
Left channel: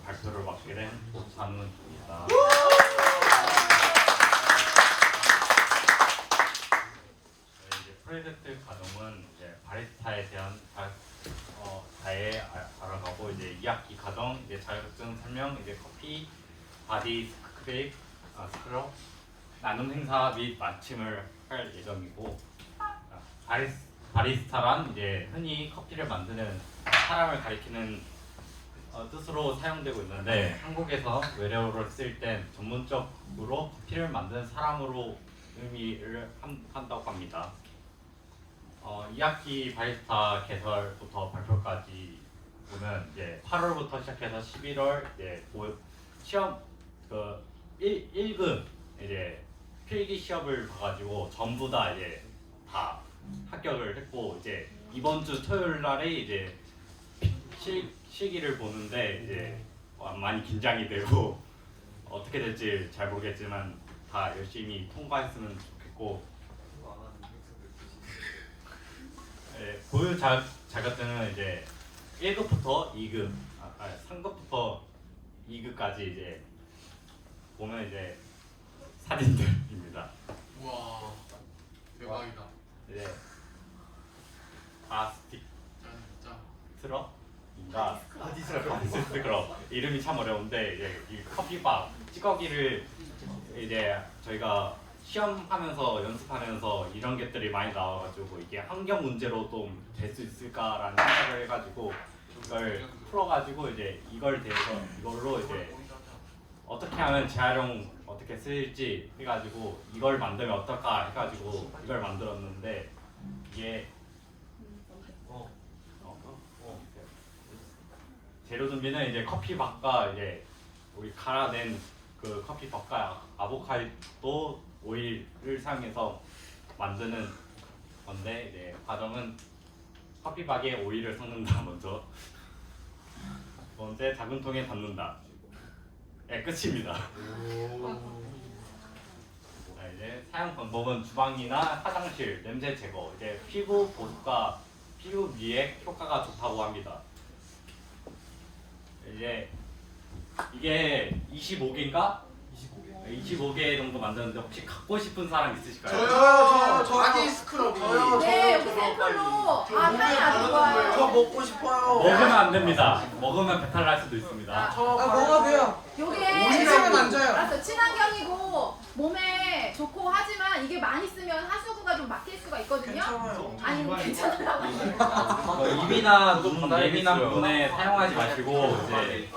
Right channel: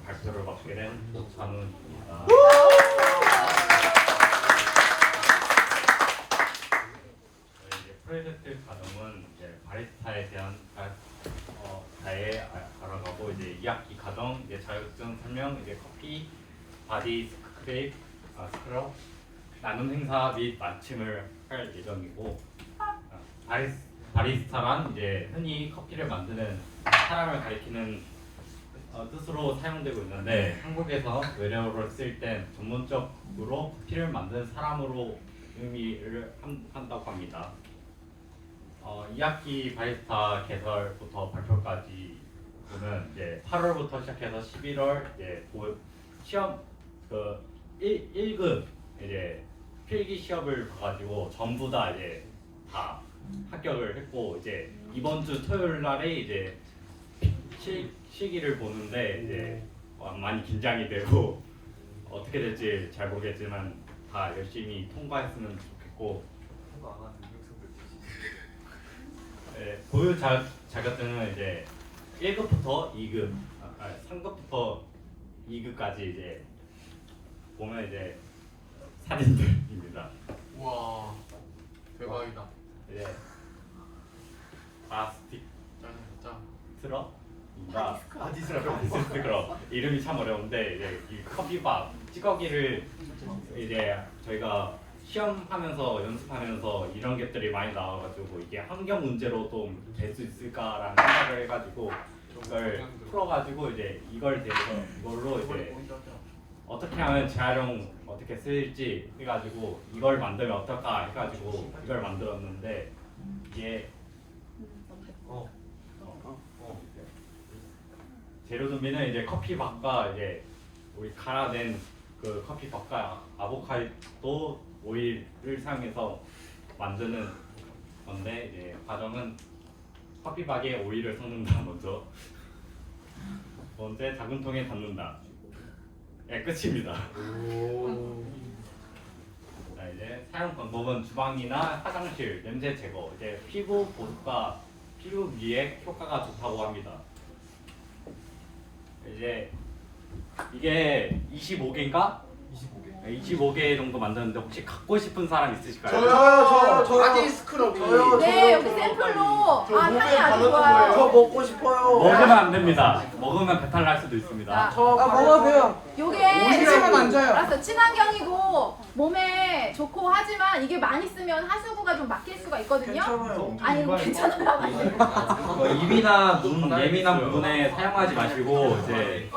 발표를 맡게 된 오찬우입니다. 이제 프로젝트 과정은 이제 바리스타에 대한 자해 알아가고 이제 2학기 과정, 이제 자격증 설명, 이제 커피, 바디 스크럽, 나눔 행사 및 마침을 할 예정이고, 바리스타란 이제 흔히 커피를 만드는 사람을 가리키는 뜻으로 사용되고 있는데, 한국에서 외래어를 쓸 땐 전문적으로 커피를 만드는 사람으로 의미를 한다고 합니다. 2학기 바리스타 개설부터 발표까지는 이제 8월부터 시작해서 11월 이제 시험 1급 이제 필기 시험을 봐가지고 전부 다 이제 다 합격을 했고, 이제 이번 주 토요일 날에 이제 실기를 보는데 이제 많이 긴장이 되고 어떻게 될지 잘 모르겠지만 다 열심히 통과했으면 좋겠고, 고유 자격증은 이제 1급부터 2급, 3급부터 2급까지 이제 보면 이제 사진들입니다. 우와 대박이다. 이제 바스틱 트럭입니다. 바스틱 트럭 이름이 참 어려운데, 이제 이 커피바 찌꺼기를 이제 저희가 시험하면서 연습하면서 이런 것들이 많이 나와가지고 이게 환경 문제로 좀 될 수 있을까라는 생각을 해가지고 이걸 풀어가지고 이제 이걸로 이제 어떻게 하면 재활용 어떻게 쓰일지 해가지고 이걸 만들면 어떨까 해가지고 이걸 만들었는데, 이게 재료 준비는 이제 커피밥과 이제 우리 갈아낸 그 커피밥과 아보카도 오일을 사용해서 만드는 건데, 이제 과정은 커피밥에 오일을 섞는다 먼저, 두 번째 작은 통에 담는다. 네, 끝입니다. 자, 이제 사용 방법은 주방이나 화장실, 냄새 제거, 이제 피부 보습과 피부 미에 효과가 좋다고 합니다. 이제 이게 25개인가? 25개 정도 만드는데 혹시 갖고 싶은 사람 있으실까요? 저요. 바디 스크럽이. 네, 여기 샘플로. 저 몸에 바르는 거예요. 저 먹고 싶어요. 먹으면 안 됩니다. 먹으면 배탈 날 수도 있습니다. 먹어도 돼요. 요게 오일이랑은 안 져요. 알았어, 친환경이고 몸에 좋고 하지만 이게 많이 쓰면 하수구가 좀 막힐 수가 있거든요. 괜찮아요. 아니 괜찮다고. 입이나 눈 예민한 부분에 사용하지 마시고 이제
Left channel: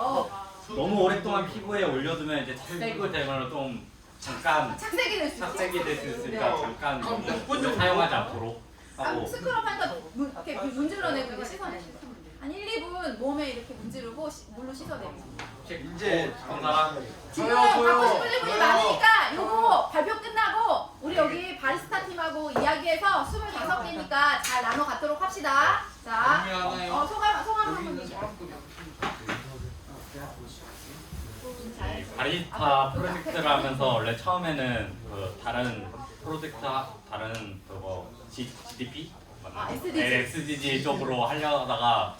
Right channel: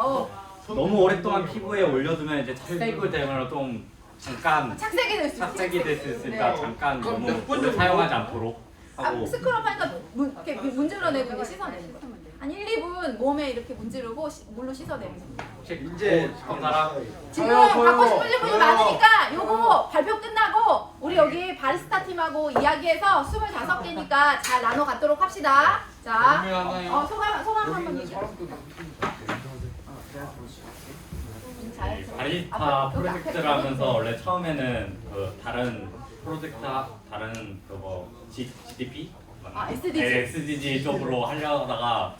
너무 오랫동안 피부에 올려두면 이제 착색이 되면 좀 잠깐 착색이 될 수 착색이 될 수 있으니까 네. 잠깐 그럼 너무 몇분 정도? 사용하지 않도록 하고. 스크럽 하니까 이렇게 문질러내고 이제 씻어내는 거예요. 한 1, 2분 몸에 이렇게 문지르고 물로 씻어내는 거예요. 이제 정답. 지금 갖고 싶으신 분이 많으니까 요거 발표 끝나고 우리 여기 바리스타 팀하고 이야기해서 25개니까 잘 나눠 갖도록 합시다. 자, 소감 한번 바리스타 프로젝트를 하면서 원래 처음에는 그 다른 프로젝트 다른 그거 GDP 맞나? SDG 쪽으로 하려다가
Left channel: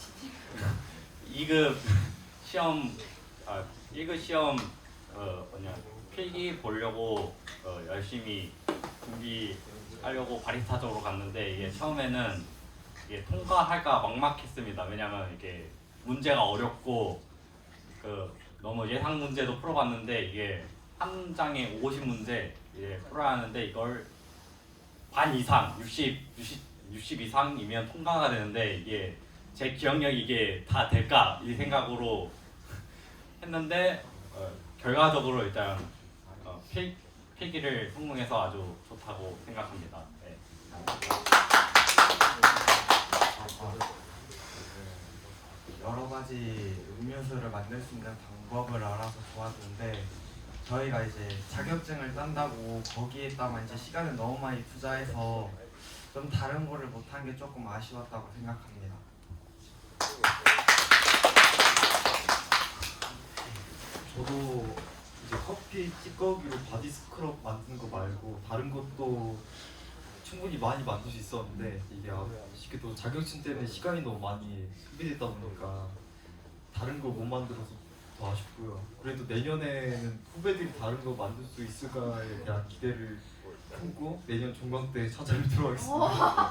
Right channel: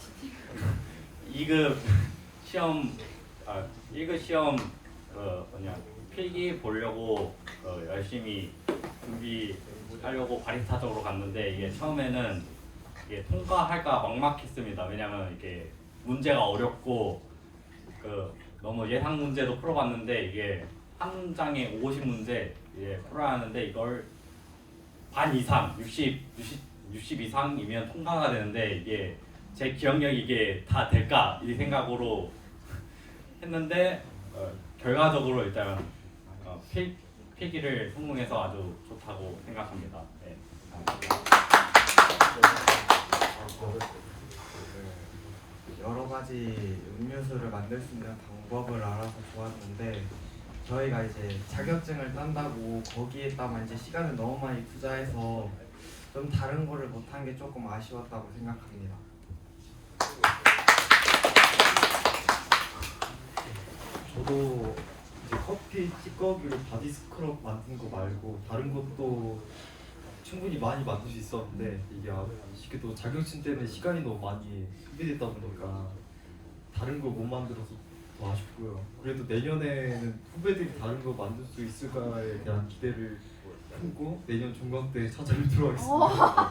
2급 시험 1급 시험 필기 보려고 열심히 준비하려고 바리스타 쪽으로 갔는데 이게 처음에는 이게 통과할까 막막했습니다. 왜냐면 이게 문제가 어렵고 너무 예상 문제도 풀어봤는데 이게 한 장에 50문제 풀어야 하는데 이걸 반 이상 60 60 이상이면 통과가 되는데 이게 제 기억력이 이게 다 될까 이 생각으로 했는데 결과적으로 일단 필기를 성공해서 아주 좋다고 생각합니다. 네, 여러 가지 음료수를 만들 수 있는 방법을 알아서 좋았는데 저희가 이제 자격증을 딴다고 거기에다만 이제 시간을 너무 많이 투자해서 좀 다른 거를 못한 게 조금 아쉬웠다고 생각합니다. 저도 이제 커피 찌꺼기로 바디 스크럽 만든 거 말고 다른 것도 충분히 많이 만들 수 있었는데 이게 아쉽게도 자격증 때문에 시간이 너무 많이 소비됐다 보니까 다른 거 못 만들어서 더 아쉽고요. 그래도 내년에는 후배들이 다른 거 만들 수 있을까에 대한 기대를 품고 내년 종강 때 찾아뵙도록 하겠습니다.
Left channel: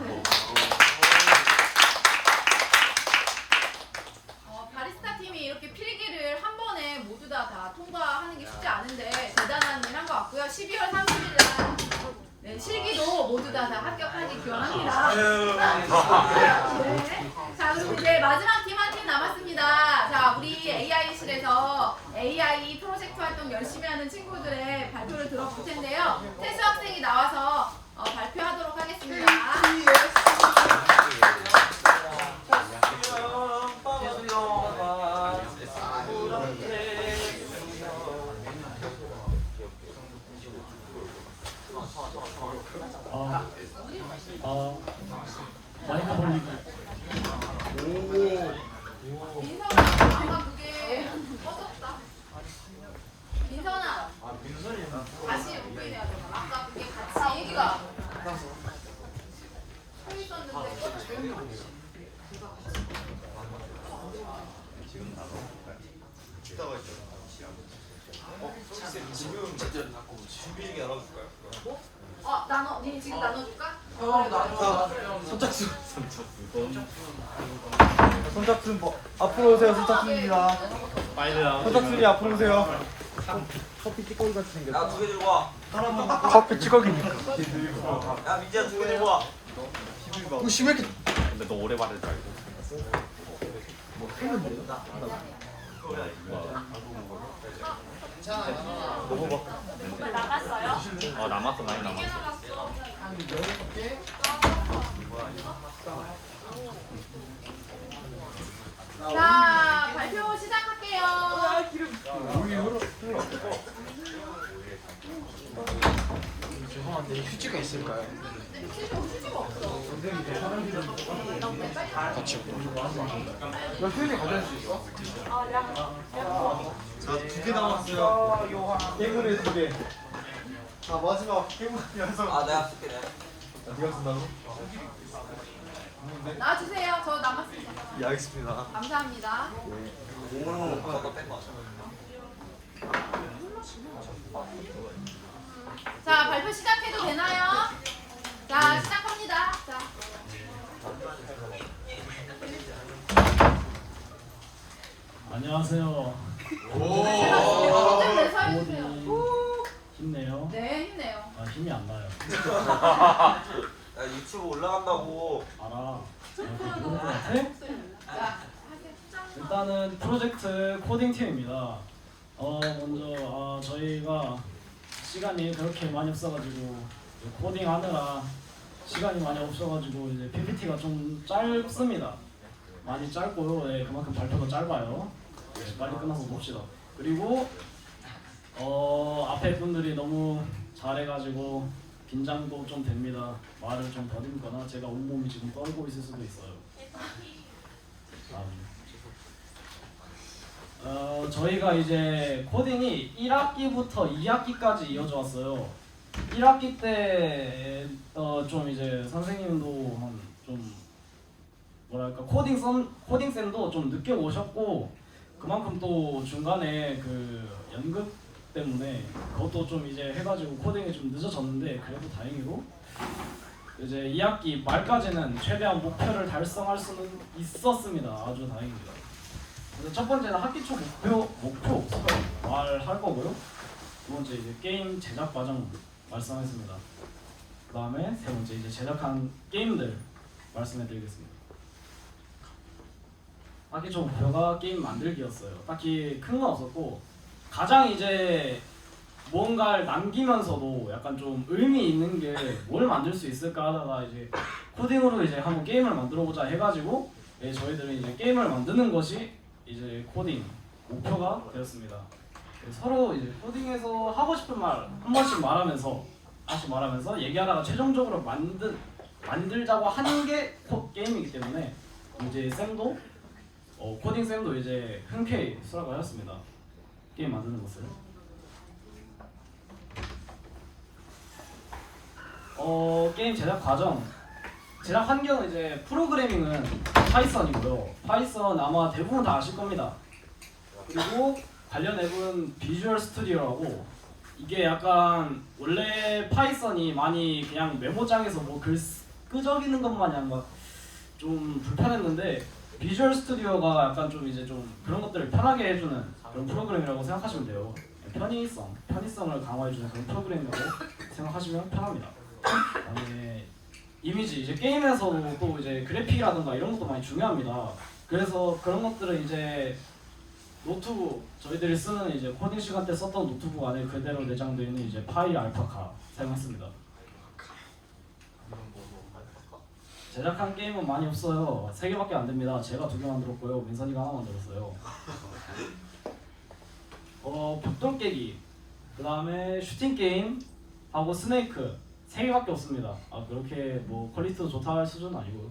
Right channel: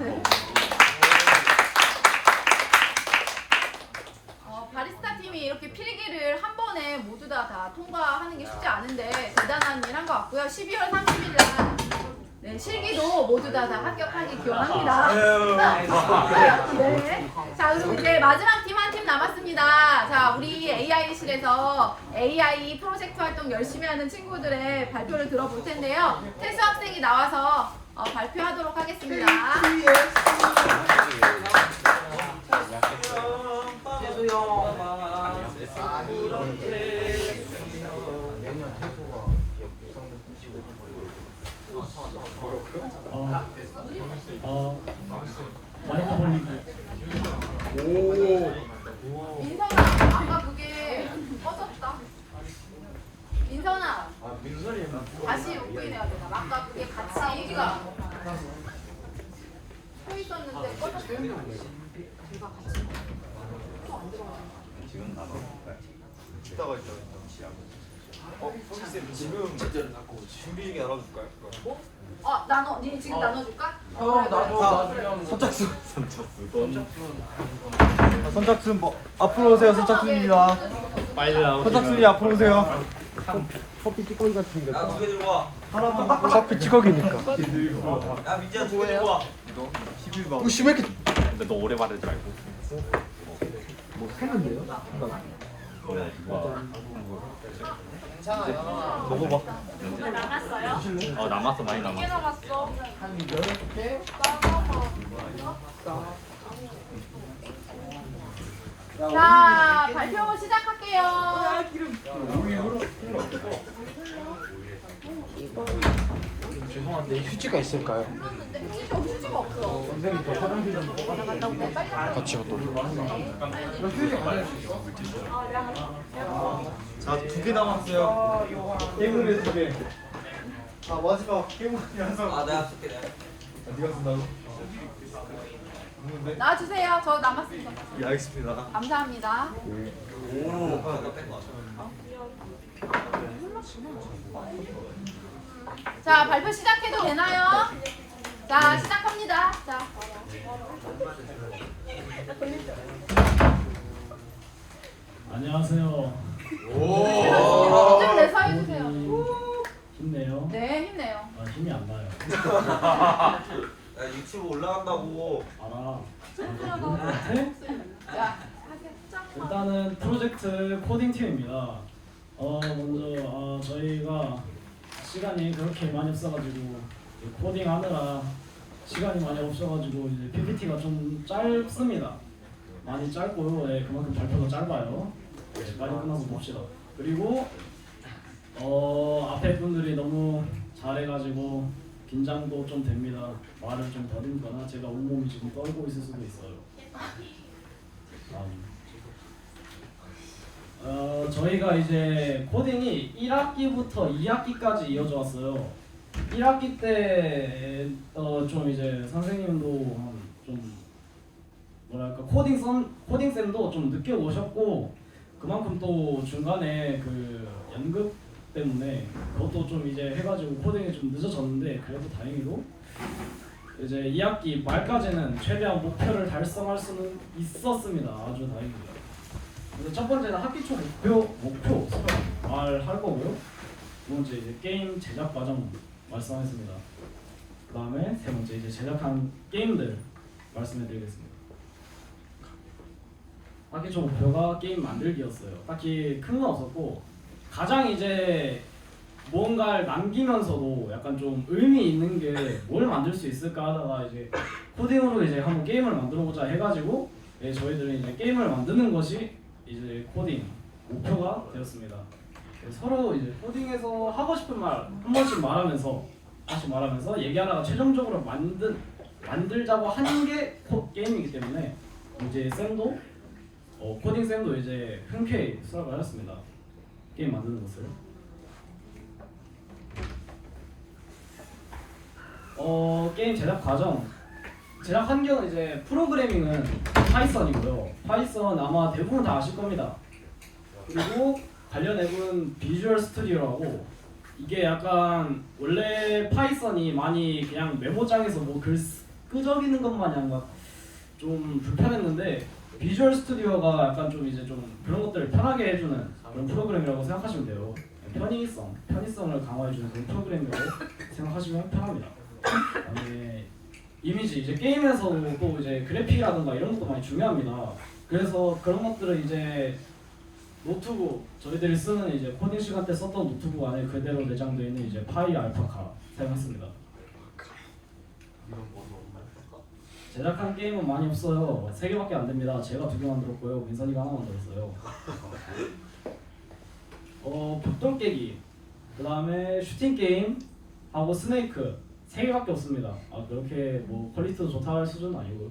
바리스타 팀이 이렇게 필기를 한 번에 모두 다 통과하는 게 쉽지 않은데 대단한 일 한 것 같고요. 12월 30일은 네, 실기도 모두 다 합격하기 기원합니다. 네. 자, 그리고 이제 마지막 팀 한 팀 남았습니다. 자, 우리 AI실에서 AI 프로젝트 활동 열심히 하는 친구들의 발표를 들어볼 텐데요. 태수 학생이 나와서 발표하도록 하겠습니다. 마이크 돌리기. 민선아, 아까 그게 꺼졌다. 민선아, 다시 오픈해야 돼. 아까 그게 같이 얘기가 서 있었는데 꺼졌어. 지금 준비 나눠줄까요? 나눠. 니 지금 나눠줄까? 형 나주면 선착순 앞으로 오세요. 선착순입니다. 선착순이 앞으로 오세요. 커피 찌꺼기 같은 게. 야, 두 개 들고 와. 커피 찌꺼기니까. 야, 민지야, 두 개 들고 와. 심하게. 근데 너 오래 받을 줄 알고. 했는데요? 먹어봐. 남았어요? 남았어, 많이 몇 개 남았어? 한 6개? 자, 발표 시작할게요. 죄송한데 휴지가 있을까요? 휴지가 없어. 선생님 저 화장실 좀 같이 자, 2개 남았어요. 행운의 2개. 자, 마지막 행운 연속. 내가 쓸게. 네가 쓴다고? 나와주세요. 저 남았습니다. 예, 알겠습니다. 감사합니다. 자, 발표 시작해도 되나요? 자, 시작합니다. 자. 안녕하세요. 네, 서해주세요. 힘내요. 네, 힘내요. 힘이 안 나요. 야, 유튜브 올라간다고. 알아. 자, 일단은 프로젝트 코딩 팀입니다. 먼저 저희가 시간이 그렇게 많이 없어가지고 코딩하느라 시간이 많이 없어가지고 이제 PPT가 좀 짧습니다. 많이 짧고요. 네, 그만큼 발표가 짧아요. 네, 빨리 끝나서 봅시다. 그리고 앞에 분들이 너무 잘해가지고 긴장도 좀 됩니다. 말을 좀 더듬거나 제가 온몸이 지금 떨고 있을 수도 있어요. 저희가 이제 코딩이 1학기부터 2학기까지 이어져 왔어요. 1학기 때 좀 이제 선생님도 좀 뭐랄까 코딩 쌤도 좀 늦게 오셨고 그만큼 또 중간에 그 연극 때문에 그것도 좀 이제 해가지고 코딩이 좀 늦어졌는데 그래도 다행히도 이제 2학기 말까지는 최대한 목표를 달성할 수는 있었습니다. 아주 다행입니다. 근데 첫 번째는 학기 초 목표 말할 거고요. 두 번째 이제 게임 제작 과정 말씀하겠습니다. 그 다음에 세 번째 이제 제작한 게임들 말씀해드리겠습니다. 딱히 저 목표가 게임 만들기였어요. 딱히 큰 건 없었고 가장 이제 뭔가를 남기면서도 약간 좀 의미 있는 게 뭘 만들 수 있을까 하다가 이제 코딩으로 이제 한번 게임을 만들어 보자 해가지고 저희들은 이제 게임을 만드는 것이 이제 코딩 목표가 되었습니다. 서로 이제 코딩에서 하고 싶은 말 한 번씩 말하면서 얘기하다가 최종적으로 만들자고 하는 게 게임이기 때문에 이제 쌤도 코딩 쌤도 이제 흔쾌히 수락을 하였습니다. 게임 만드는 것을. 게임 제작 과정, 제작 환경은 이제 프로그래밍은 파이썬이고요. 파이썬 아마 대부분 다 아실 겁니다. 그리고 관련 앱은 비주얼 스튜디오하고 이게 약간 원래 파이썬이 많이 그냥 메모장에서 뭐 글 끄적이는 것 마냥 막 좀 불편했는데 비주얼 스튜디오가 약간 좀 이제 좀 그런 것들을 편하게 해주는 그런 프로그램이라고 생각하시면 돼요. 편의성을 강화해주는 그런 프로그램이라고 생각하시면 편합니다. 그다음에 이미지 이제 게임에서도 또 이제 그래픽이라든가 이런 것도 많이 중요합니다. 그래서 그런 것들을 이제 노트북 저희들이 쓰는 이제 코딩 시간 때 썼던 노트북 안에 그대로 내장되어 있는 이제 파이 알파카 사용했습니다. 제작한 게임은 많이 없어요. 3개밖에 안 됩니다. 제가 2개 만들었고요. 민선이가 하나 만들었어요. 벽돌 깨기, 그 다음에 슈팅 게임 하고 스네이크 3개밖에 없습니다. 그렇게 뭐 퀄리티도 좋다 할 수준은 아니고요.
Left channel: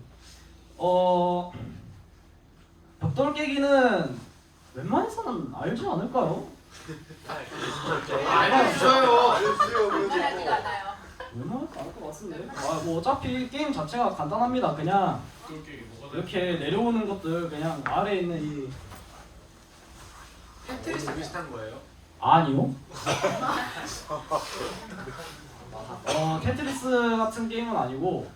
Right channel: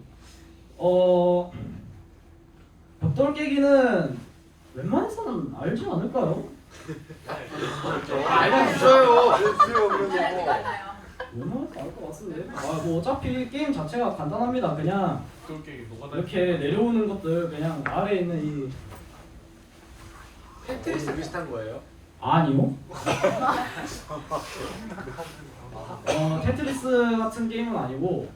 벽돌 깨기는 웬만해서는 알지 않을까요? 알려주셔요. 웬만해서 알 것 같은데. 뭐 어차피 게임 자체가 간단합니다. 그냥 이렇게 내려오는 것들 그냥 아래에 있는 이 테트리스 비슷한 거예요? 아니요. 테트리스 같은 게임은 아니고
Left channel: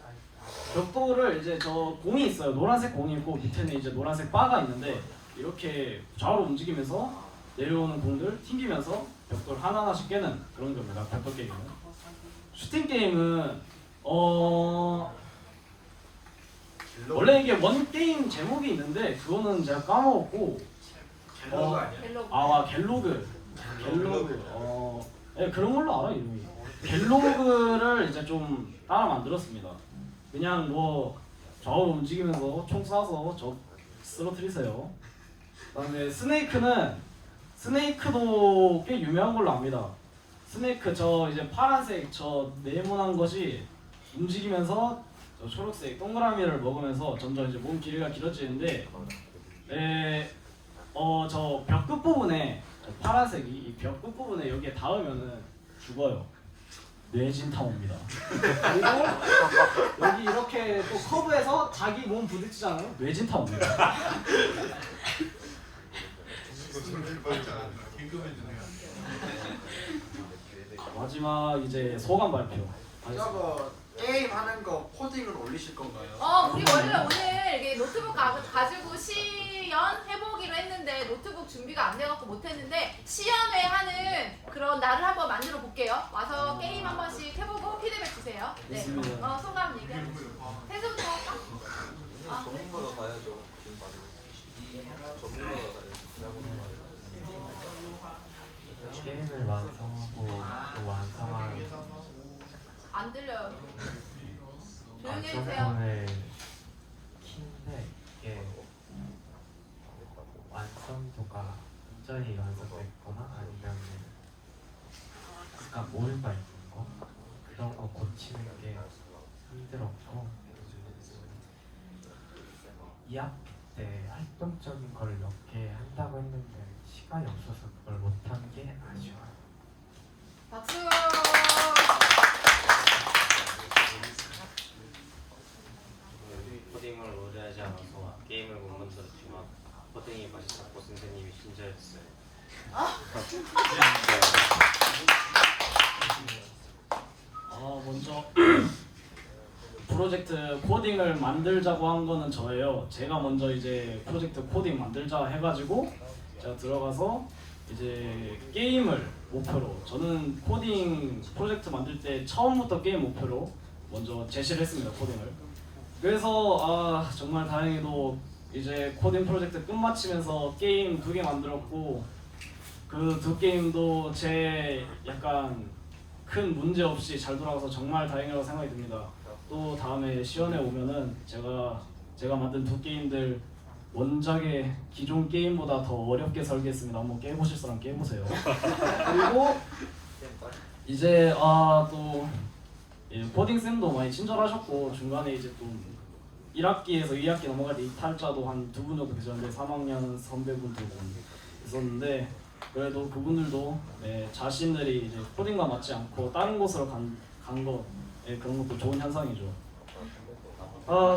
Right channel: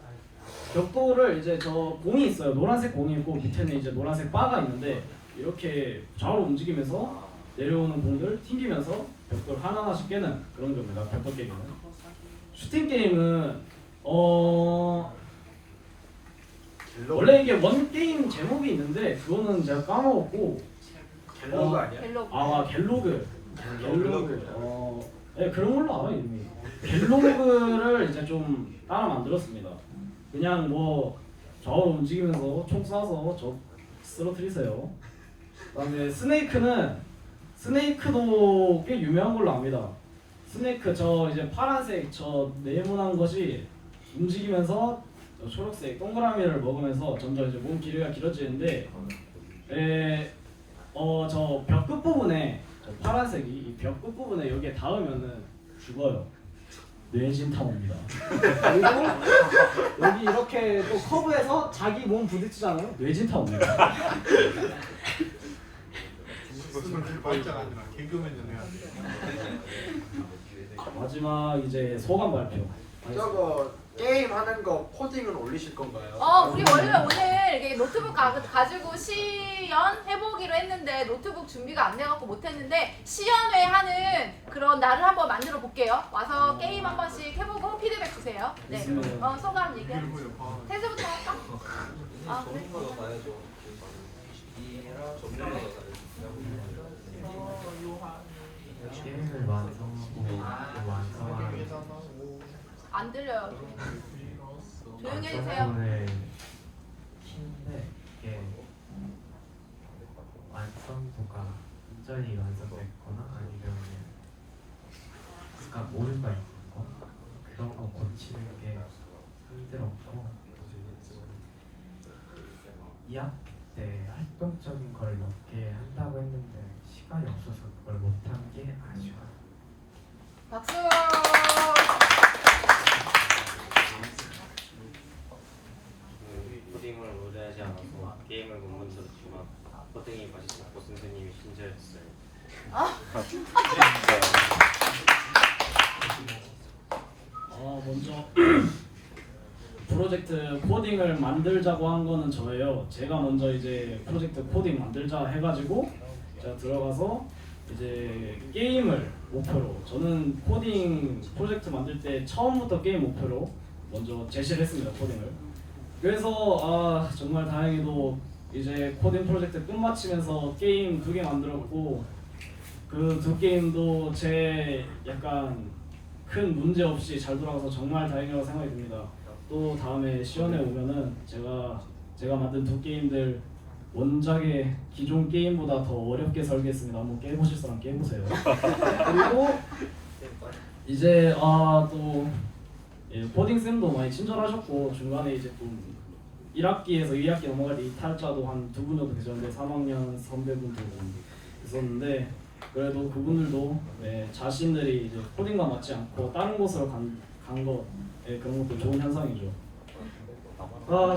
벽돌을 이제 저 공이 있어요. 노란색 공이 있고 밑에는 이제 노란색 바가 있는데 이렇게 좌우로 움직이면서 내려오는 공들 튕기면서 벽돌 하나하나씩 깨는 그런 겁니다. 벽돌 게임은. 슈팅 게임은 원래 이게 원 게임 제목이 있는데 그거는 제가 까먹었고 갤로그 아니야? 갤로그. 네, 그런 걸로 알아요. 이미. 갤로그를 이제 좀 따라 만들었습니다. 그냥 뭐 좌우로 움직이면서 총 쏴서 저 쓰러뜨리세요. 그다음에 스네이크도 꽤 유명한 걸로 압니다. 스네이크 저 이제 파란색 저 네모난 것이 움직이면서 초록색 동그라미를 먹으면서 점점 이제 몸 길이가 길어지는데 저 벽 끝부분에 파란색이 이 벽 끝부분에 여기에 닿으면은 죽어요. 뇌진탕입니다. 그리고 여기 이렇게 또 커브에서 자기 몸 부딪히잖아요. 뇌진탕입니다. 무슨 말장 아니라 개그맨을 해야 돼. 마지막 이제 소감 발표. 저거 게임 하는 거 코딩은 올리실 건가요? 우리 원래 오늘 이게 노트북 가지고 시연 해보기로 했는데 노트북 준비가 안 돼갖고 못했는데 시연회 하는 그런 날을 한번 만들어 볼게요. 와서 게임 한 번씩 해보고 피드백 주세요. 네. 소감 얘기해 주세요. 태수부터 할까? 전문가가 가야죠. 게임을 완성하고 완성한 안 들려요. 조용히 해주세요. 완성본을 키는데 이게 완성도가 완전히 완성됐거나 아니면 약간 오류가 있는 거 그런 거 고치는 게 힘들었고 2학기 때 활동적인 걸 몇 개 한다고 했는데 시간이 없어서 그걸 못한 게 아쉬워요. 박수. 코딩을 오래 하지 않아서 게임을 못 만들었지만 코딩이 맛있었고 선생님이 친절했어요. 먼저 프로젝트 코딩을 만들자고 한 거는 저예요. 제가 먼저 이제 프로젝트 코딩 만들자 해가지고 제가 들어가서 이제 게임을 목표로 저는 코딩 프로젝트 만들 때 처음부터 게임 목표로 먼저 제시를 했습니다. 코딩을. 그래서 정말 다행히도 이제 코딩 프로젝트 끝마치면서 게임 2개 만들었고 그 2게임도 제 약간 큰 문제 없이 잘 돌아가서 정말 다행이라고 생각이 듭니다. 또 다음에 시연에 오면은 제가 만든 2게임들 원작의 기존 게임보다 더 어렵게 설계했습니다. 한번 깨보실 사람 깨보세요. 그리고 이제 또 코딩 쌤도 많이 친절하셨고 중간에 이제 또 1학기에서 2학기 넘어갈 때 이탈자도 한 2분 정도 계셨는데 3학년 선배분도 있었는데 그래도 그분들도 자신들이 이제 코딩과 맞지 않고 다른 곳으로 간 거 그런 것도 좋은 현상이죠.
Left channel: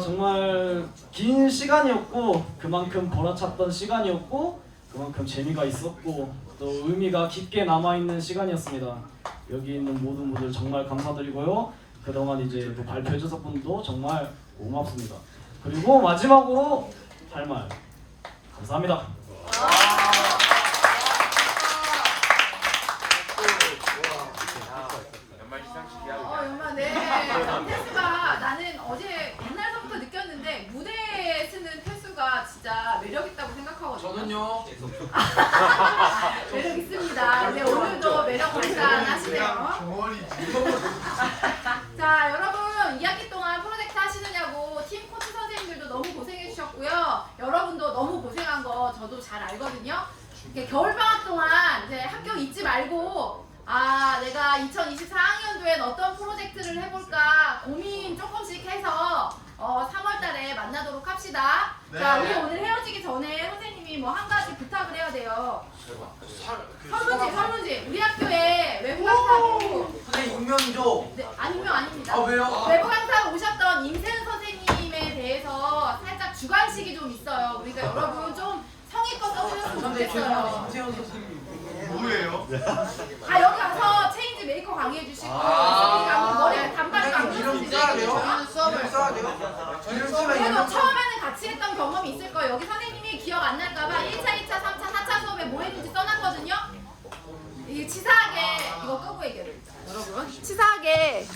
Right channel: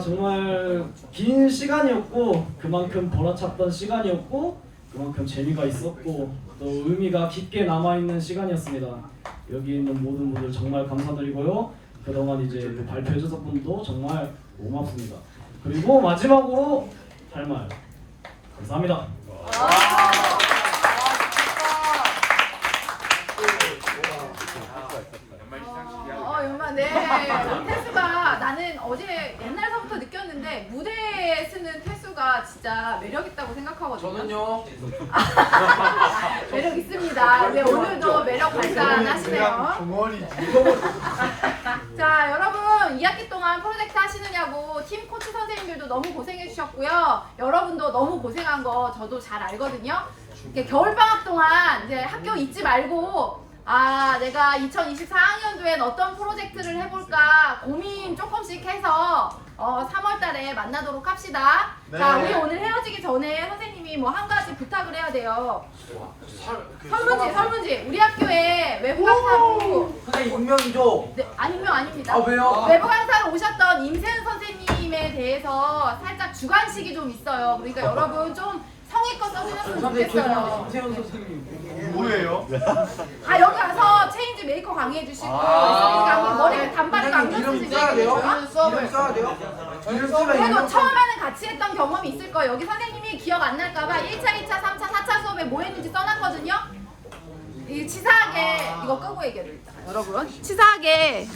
정말 긴 시간이었고 그만큼 벌어찼던 시간이었고 그만큼 재미가 있었고 또 의미가 깊게 남아있는 시간이었습니다. 여기 있는 모든 분들 정말 감사드리고요. 그동안 이제 발표해주신 분도 정말 고맙습니다. 그리고 마지막으로 할 말 감사합니다. 연말 태수가 나는 어제 옛날서부터 느꼈는데 무대에 쓰는 태수가 진짜 매력 있다고 생각하거든요. 저는요. 매력 있습니다. 근데 오늘도 매력 발산하시네요. 자 여러분 2학기 동안 프로젝트 하시느냐고 팀 코치 선생님들도 너무 고생해 주셨고요. 여러분도 너무 고생한 거 저도 잘 알거든요. 겨울방학 동안 이제 학교 잊지 말고 내가 2024학년도엔 어떤 프로젝트를 해볼까 고민 조금씩 해서 3월달에 만나도록 합시다. 네. 자 우리 오늘 헤어지기 전에 선생님이 뭐 한 가지 부탁을 해야 돼요. 설문지 우리 학교에 외부 강사로 선생님 익명이죠? 네, 익명 아닙니다. 아, 왜요? 외부 강사로 오셨던 임세은 선생님에 대해서 살짝 주관식이 좀 있어요. 그러니까 여러분 좀 성의껏 써주셨으면 선생님 죄송한데 좋겠어요. 임세현 선생님 뭐예요? 여기 가서 체인지 메이커 강의해 주시고 머리 단발이 선생님 이름 써야 돼요? 이름 써야 돼요? 이름 쓰면 그래도 이름 처음에는 같이 했던 경험이 있을 거예요. 여기 선생님이 기억 안 날까봐 1차, 2차, 3차, 4차 수업에 뭐 했는지 써놨거든요. 이 치사하게 이거 끄고 얘기해요. 여러분 치사하게